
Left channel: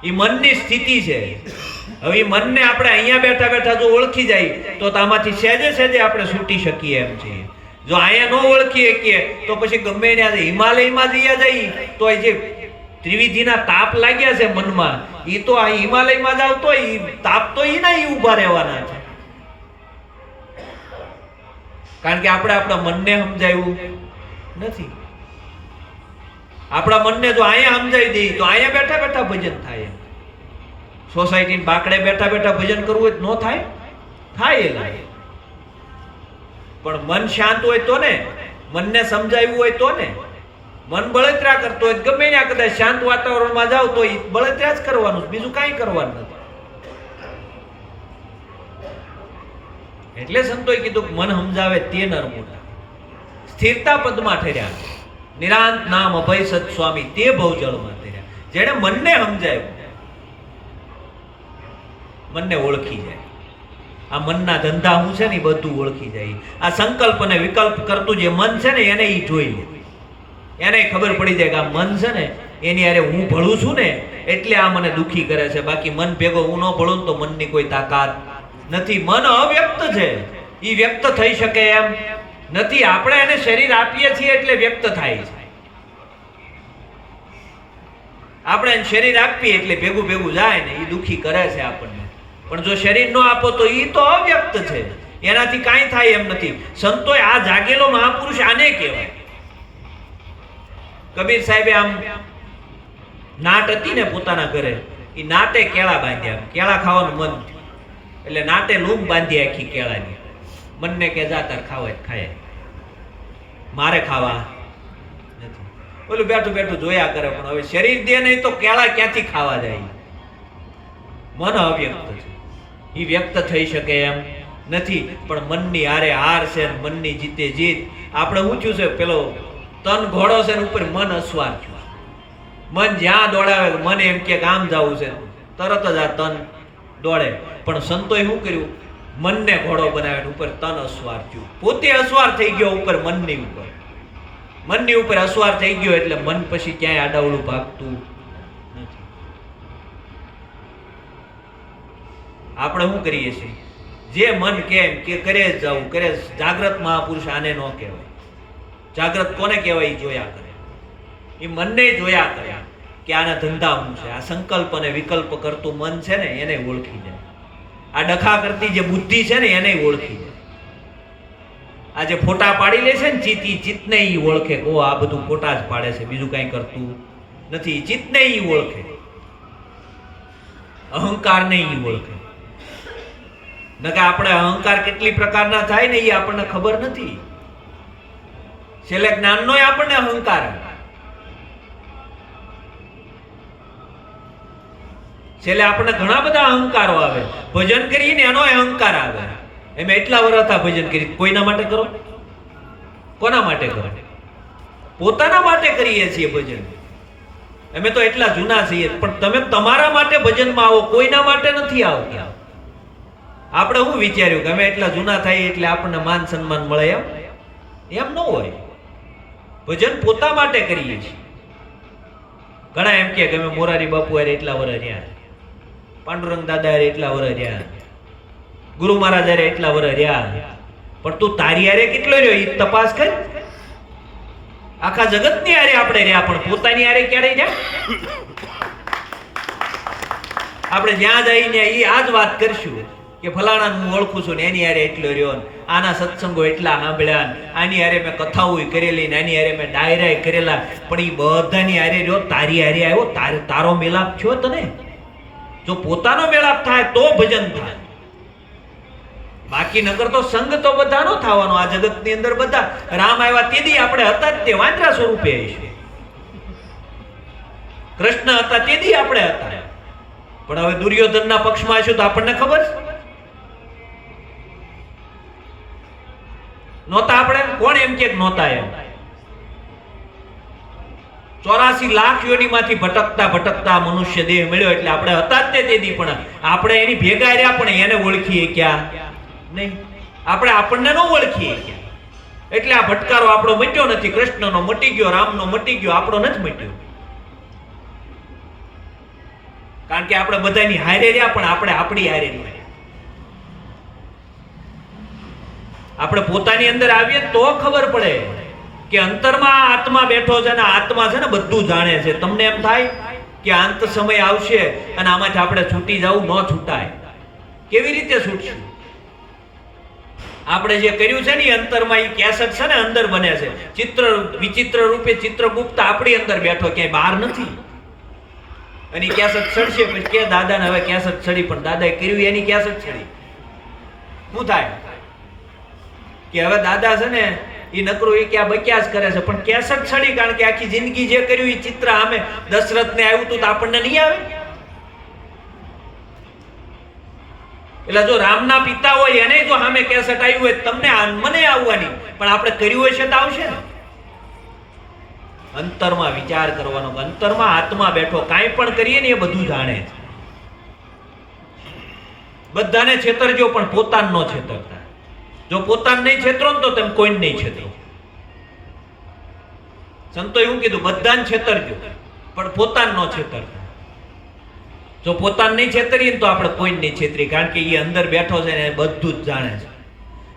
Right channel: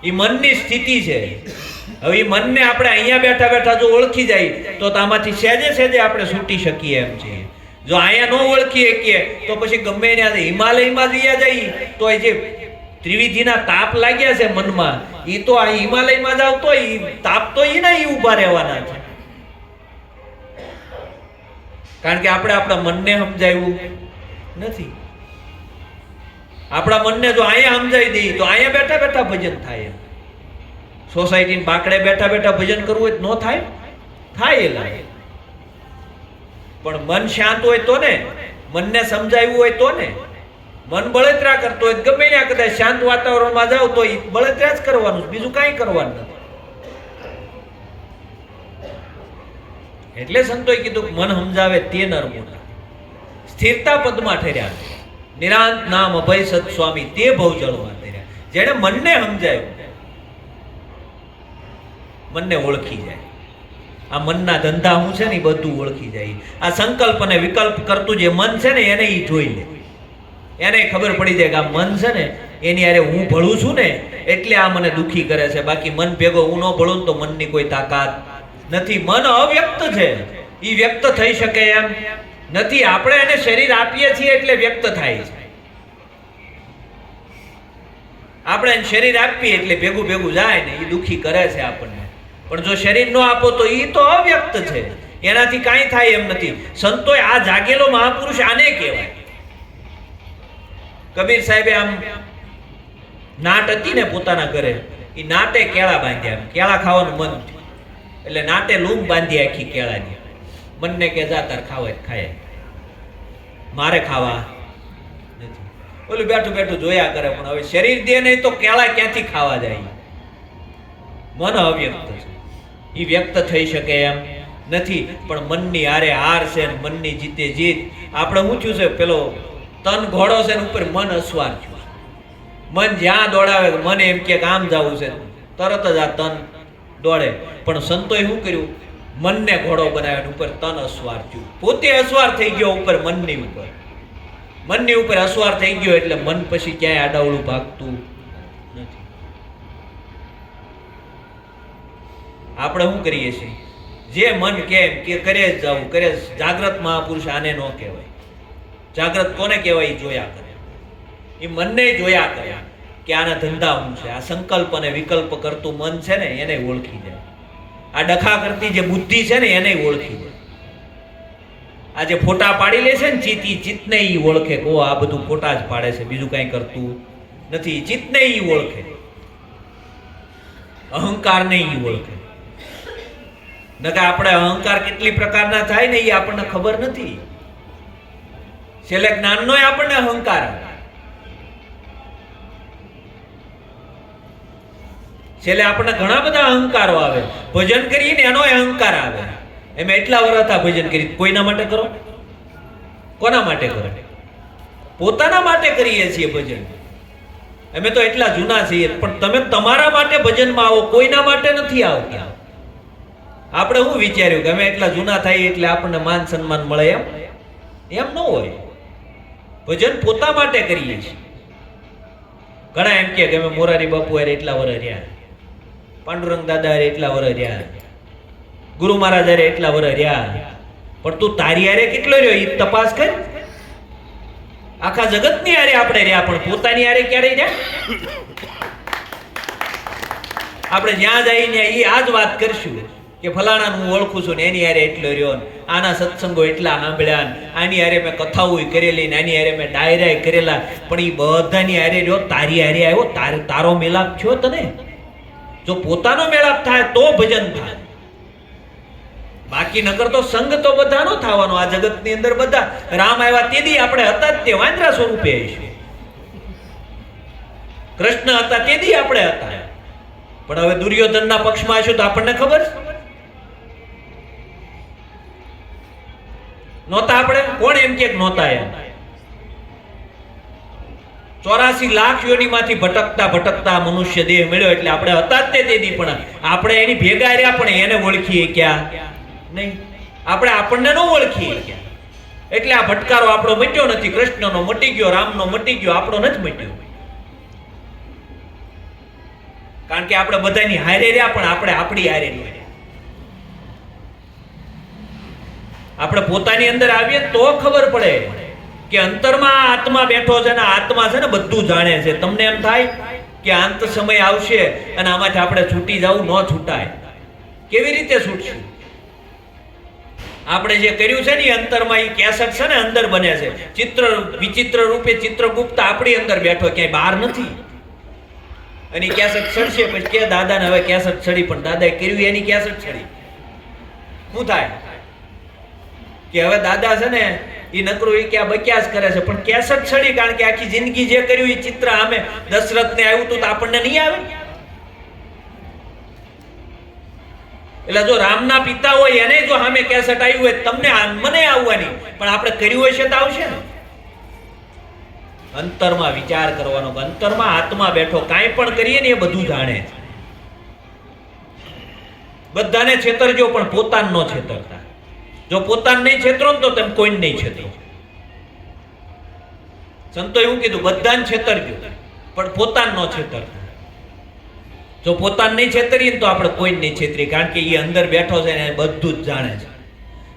એ મનની સ્થિતિ છે. હવે એ મનને આપણે અહીંયા બેઠા બેઠા જો ઓળખી જાય તો આમાંથી સહેજે સહેજે આપણે છૂટી શકીએ એમ છે. જો અહીંયા ન ઓળખીએ કે તો પછી ગમે એને હિમાલયમાં જઈએ જઈએ તો એ જે ત્રિવિધિના તાપ લાગ્યા છે મનમાં, એ તો આ હિમાલયમાં જાવ તો તાપ તો એના ઊભા રહેવાના છે. કારણ કે આપણે આપણા મનને સમજાવ્યું નથી. આપણા મનને જો અહીંયા સમજાવી દઈએ તો અહીંયા બેઠા બેઠા ભજન થાય. સોસાયટી બાકડે બેઠા બેઠા ભજન કરવું હોય તો ન થાય? થાય એલા. પણ મન શાંત હોય તો ને, મનને સમજાવ્યું હોય તો ને. મન બળતરા કરતો હોય ગમે ત્યાં કદાચ શાંત વાતાવરણમાં જાવ તો બળતરા જ કરવાનું, બીજું કાંઈ કરવાનું નથી. એટલે સંતોએ કીધું મન સમજાવે તે નર મોટા, સ્થિરતા પદમાં ઠર્યા, નિરાંત નામ અભય સત સ્વામી તે ભવજળમાં ઠર્યા. જેને મનને સમજાવ્યું, મનને ઓળખી જાય. આ મનના ધંધા હું છે ને બધું ઓળખી જાય. આ સંકલ્પ અને વિકલ્પ કરતું જે મન છે ને એને ઈ જોઈ લે, એને ખબર પડી જાય કે આ મન છે ને એની અરે હું ભળું છું ને એટલે આ મને દુખી કરે છે. બાકી મન ભેગો હું ન ભળું તો મનની કોઈ તાકાત નથી. મન અવ્યક્ત છે, ઈ વ્યક્ત થઈ શકે એમ નથી. આપણે એને શરીર આપીએ છીએ એટલે વ્યક્ત થાય છે. આપણે એને શરીર આપીએ એટલે ભેગું ભેગું જાય ને ઈ દુખી કરે છે આપણને. પણ જો શરીર ન આપો તો ઈ તો અવ્યક્ત છે, એનાથી કાંઈ થાય એમ નથી. સંતોએ આ જાગેલો મહાપુરુષ આને કહેવાય. કબીર સાહેબે આમ નાટ હતી ને પોતાના ઘરે, ઈ નાટે કેળા બાંધ્યા. કેળા ખાવાનું મન થયું એટલે નાટે લૂમ બાંધી આખી કેળાની. મનને કે જા તાર ખાવા ખાય, મારે ખાવા નથી. ઓલું બેઠું બેઠું જોયા કરે, પણ હવે શરીર દે નહીં તો કેળા ક્યાંથી ખાવા જાય? મન અવ્યક્ત છે, ઈ વ્યક્ત થઈ શકે એમ નથી. પણ મનની હારે હાર છે ને મનની જીતે જીત. આપણે ઊંચું છે, પેલો તન ઘોડો છે ને ઉપર મન અસવાર છે. મન જ્યાં દોડાવે, મન એમ કે આમ જવું છે, તરત જ આ તન દોડે. પણ સંતોએ શું કર્યું? મનને ઘોડો બનાવે, ઉપર તન અસવાર થયું. પોતે અસવાર થઈ ગયો ઉપર મનની ઉપર. મનની ઉપર અસવાર થઈ ગયો એટલે મન પછી ક્યાંય આડાવડું ભાગતું નથી. આપણે શું કરીએ છીએ? જે મન કેમ કે કરે જ જવું, કરે. જાગ્રત મહાપુરુષ આને ન કહેવાય. જાગ્રત કોને કહેવાય? એ જોયા કરે, એ મનને જોયા કરે કે આના ધંધા શું છે. આ સંકલ્પ અને વિકલ્પ કરતું મન છે ને એને ઓળખી જાય. આ ડખા કરતી જે બુદ્ધિ છે ને એને ઓળખી જાય. આ જે ફોટા પાડી લે છે ને ચિત્તને ઈ ઓળખે કે આ બધું ફોટા જ પાડે છે, બીજું કાંઈ કરતું નથી. ચિત્તને ઈ ઓળખે, અહંકારને ઈ ઓળખે. નકા આપણે અહંકાર કેટલી પ્રકારના થાય ને એ આપણને ખબર નથી. છેલ્લે જ્ઞાનનો આપણને અહંકાર આવે, છેલ્લે આપણને ઘણા બધા અહંકારો આવે. ભજન કરીને એનો અહંકાર આવે. એમ એટલા વર્ષ આ ભજન કરી, કોઈના માટે કરો? કોના માટે કરો? પોતાના માટે કરીએ છીએ ભજન. અમે તો એટલા જૂના છીએ, પણ તમે તમારા માટે ભજનમાં આવો, કોઈના માટે નથી આવતા. આપણે શું વિચાર્યું કે અમે એટલા જૂના થઈએ એટલે આપણને માન સન્માન મળે? એમ ન હોય. ભજન પોતા માટે કરીએ છીએ. ઘણા એમ કે અમે મોરારી બાપુ હારે એટલા વર્ષ રહ્યા, પાંડુરંગ દાદા હારે એટલા વર્ષ રહ્યા, ગુરુ મહારાજ હારે એટલા વર્ષ રહ્યા. પણ તું તારી હારે કેટલો રહ્યો એ તપાસ કર. આખા જગતની હારે આપણે રહ્યા, પણ પોતાની હારે ક્યારે રહ્યા? આપણે જ્યાં જઈને એ આ જ વાત કરશું કે ફલાણા હું ઓળખું છું ને એની હારે એટલો રહ્યો, આના સત્સંગો એટલા સાંભળ્યા, આની હારે મેં કથાઓ કરેલી ને આની હારે મેં ડાયરા કરેલા. પણ એ બધાની હારે રહ્યો, તારી હારે આવ્યો, તારો મેલાપ થયો તને? જો પોતાનો મેળાપ થાય તો ભજન થાય. બાકી નગર તો સંગ તો બધાનો થવાનો. આ જગતની અંદર બધા રામ આવ્યા તેથી આપણે હતા જ તે વાંદરા સ્વરૂપે આવીશું. કૃષ્ણ હતા તેથી આપણે હતા. પણ હવે દુર્યોધનના પક્ષમાં આવીશું તો આપણને ખબર છે નહોતા. આપણે કોણ એમ કે નહોતા? એમ 84 લાખ યોનિમાંથી ભટકતા ભટકતા મનુષ્ય દેહ મળ્યો એટલે આપણે હતા જ તે તેથી. પણ આપણે એની ભેગા રહ્યા પણ એને ઓળખીએ ક્યાં નહીં. આપણે આપણને ન ઓળખીએ ક્યાં. એટલે આ ભટકારો આપણો મટ્યો નથી. કૃષ્ણનો મટી ગયો, રામનો મટી ગયો, આપણો નથી મટ્યો. કારણ કે આપણે બધાની હારે રહ્યા પણ આપણે આપણી હારે ન રહ્યા. આપણે પોતાની અંદર આવીએ તો ખબર પડે કે અંતરમાં આત્મા બેઠો છે ને આત્મા છે ને બધું જાણે છે. તમને એમ થાય કે અંત સમય આવશે અને આમાંથી આપણે છૂટી જવું, ન છૂટાય. કેવી રીતે છૂટશું? આપણે જે કર્યું છે ને એ અંતરમાં એ કેસેટ છે ને અંદર બને છે. ચિત્ર વિચિત્ર રૂપે ચિત્રગુપ્ત આપણી અંદર બેઠો, ક્યાંય બહાર નથી. અને ઈ કેસેટ સડશે પછી કે દાદાને હવે કેસેટ સડી, પણ દાદાએ કર્યું એની કેસેટ સડી. શું થાય કે હવે દાદા છે ને એ નકરું એ ક્યાં બક્યાસ કરે છે, પણ કેસેટ સડી, કારણ કે આખી જિંદગી જે કર્યું એ ચિત્ર સામે દશરથને આવ્યું તું તો આપણને નહીં આવે. એટલે જો રામના પિતા હોય એને જો સામે કેસેટ આવ્યું હોય, તમને મને આવવાની, પણ આપણે કર્યું હોય છે તો આવશે ને. અંતરમાં વિચાર કરવાનો, અંતરમાં આત્મા બેઠો, કાંઈ પણ કરીએ ને એ બધું જાણે છે. બધાને છેતરજો પણ પોતાને ન છેતરતા. જો પોતાને નહીં છેતરો ને તો તેમ કોઈને નહીં છેતરો. સંતો એવું કીધું, બધાને છેતરજો પણ પોતાને ન છેતરતા. જો પોતાને નહીં છેતરીએ તો આપણે કોઈને નહીં છેતરીએ, કારણ કે એ અંદર બેઠો છે ને બધું જ જાણે છે.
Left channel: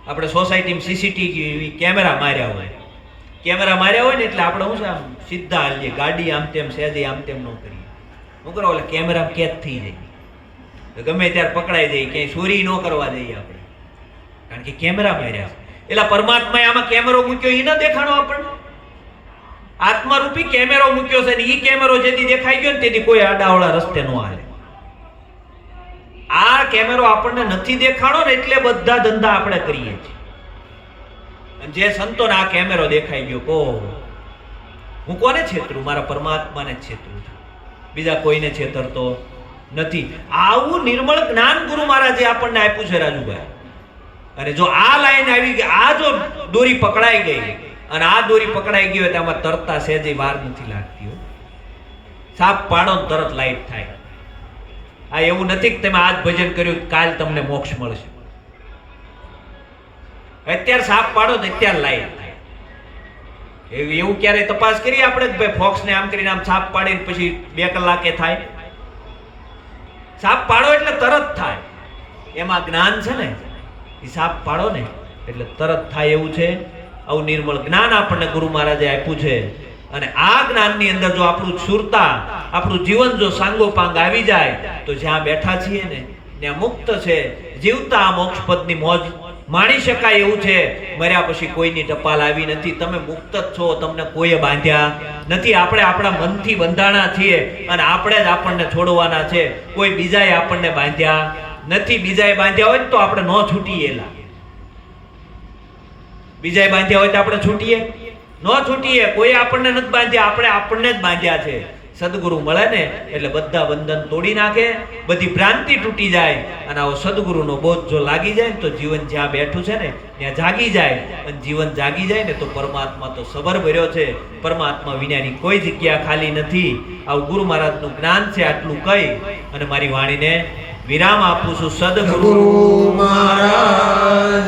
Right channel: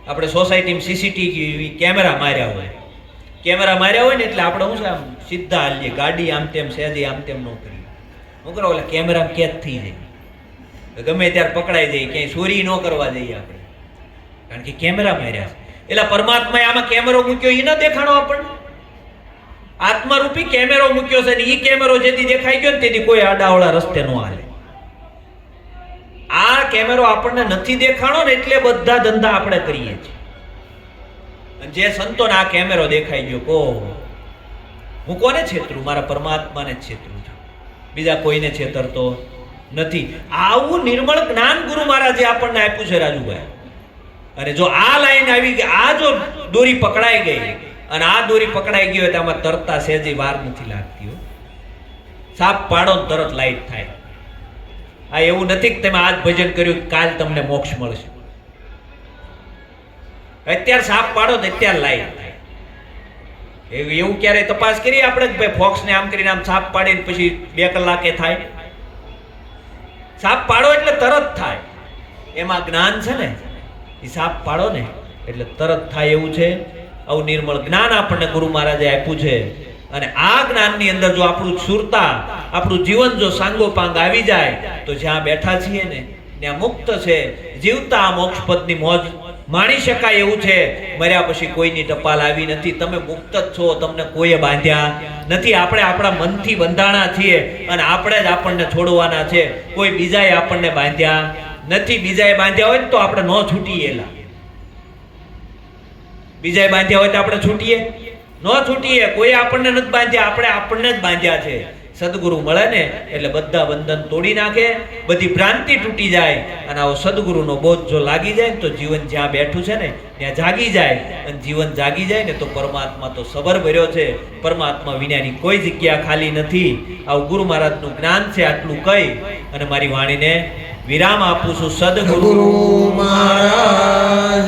આપણે સોસાયટીમાં સીસીટીવી કેમેરા માર્યા હોય, ને એટલે આપણે શું છે, આમ સીધા હાલીએ, ગાડી આમ તેમ સહેજે આમ તેમ ન કરીએ. શું કરો એટલે કેમેરા કેદ થઈ જાય, ગમે ત્યારે પકડાઈ જાય, ક્યાંય ચોરી ન કરવા જઈએ આપણે, કારણ કે કેમેરા માર્યા છે. એટલે પરમાત્માએ આમાં કેમેરો મૂક્યો એ ન દેખાણો આપણને. આત્મારૂપી કેમેરો મૂક્યો છે ને એ કેમેરો જેથી દેખાઈ ગયો ને તેથી કોઈ આડાવડા રસ્તે ન હાલે. આ કેમેરો આપણને નથી દેખાણો ને એટલે બધા ધંધા આપણે કરીએ છીએ. જે સંતોને આ કેમેરો દેખાઈ ગયો, કો હું કોને છેતરું? મારા પરમાત્માને જ છેતરું છું, બીજા કોઈને છેતરતો નથી. આવું નિર્મળ જ્ઞાન ગુરુ મહારાજે આપણને આપ્યું છે રાજુભાઈ. અને જો આ લાઈન આવી ગઈ, આ જો દોરી પકડાઈ ગઈ અને આ દોરી પકડાઈ ગઈ હોય તો આમાં તરતા સહેજે વાર નથી લાગતી. સાપ પાડો તરત લાઈટ થાય. આ એવું નથી કે તમે આજ ભજન કર્યું કાલ તમને મોક્ષ મળશે. અત્યારે સાપ પાડો ને અત્યારે લાઈટ થાય. એવું ક્યારે તપાસ કરી આપણે કે ભાઈ ફોક્સ ને આમ કરીને આમ સાપ પાડીને પછી 2 કલાકે થાય? સાપ પાડો એટલે તરત થાય. એમાં જ્ઞાન છે ને, એ સાપ પાડો ને એટલે તરત થાય એવું છે. આવું નિર્મળ જ્ઞાન આપણને ગુરુ મહારાજે આપ્યું છે. અને આ જ્ઞાનની અંદર જો આપણું સુરતા, આપણું જીવન જો સાંગોપાંગ આવી જાય તો જ્યાં બેઠા છીએ ને ત્યાં મુક્ત છે. જીવતા આ મોક્ષપદની મોજ માણી શકાય એવું છે. મર્યા પછી કોઈની ટપાલ આવી નથી. તમે મુક્ત જ છો, તમને કોઈએ બાંધ્યા નથી. આપણે આપણા મનથી બંધાણા છીએ અને આપણે જ આપણને છોડવાના છે. કોઈ બીજાએ આપણને બાંધ્યા નથી. બીજાએ બાંધ્યા હોય તો આપણે ન છૂટીએ. બીજાએ બાંધ્યા હોય તો આપણે છૂટીએ? ન છૂટીએ. કોઈ આપણને નથી બાંધ્યા, આપણે આપણને જ બાંધ્યા છે. સદગુરુ મળે ને એટલે બધા બંધન તોડી નાખે, બધી ભ્રાંતિ તૂટી જાય. અને આવો સદગુરુનો બોધ જો લાગી જાય ને તો જીવન જ્યાં બેઠું છે ને ત્યાં જાગી જાય. અને જીવન જાગી જાય ને તો પરમાત્મા તો સબર ભર્યો છે. પરમાત્મા વિનાની કોઈ જગ્યા ખાલી નથી. આવું ગુરુ મહારાજનું જ્ઞાન છે. આટલું કહી અને મારી વાણીને વિરામ આપું છું. સદગુરુ મહારાજની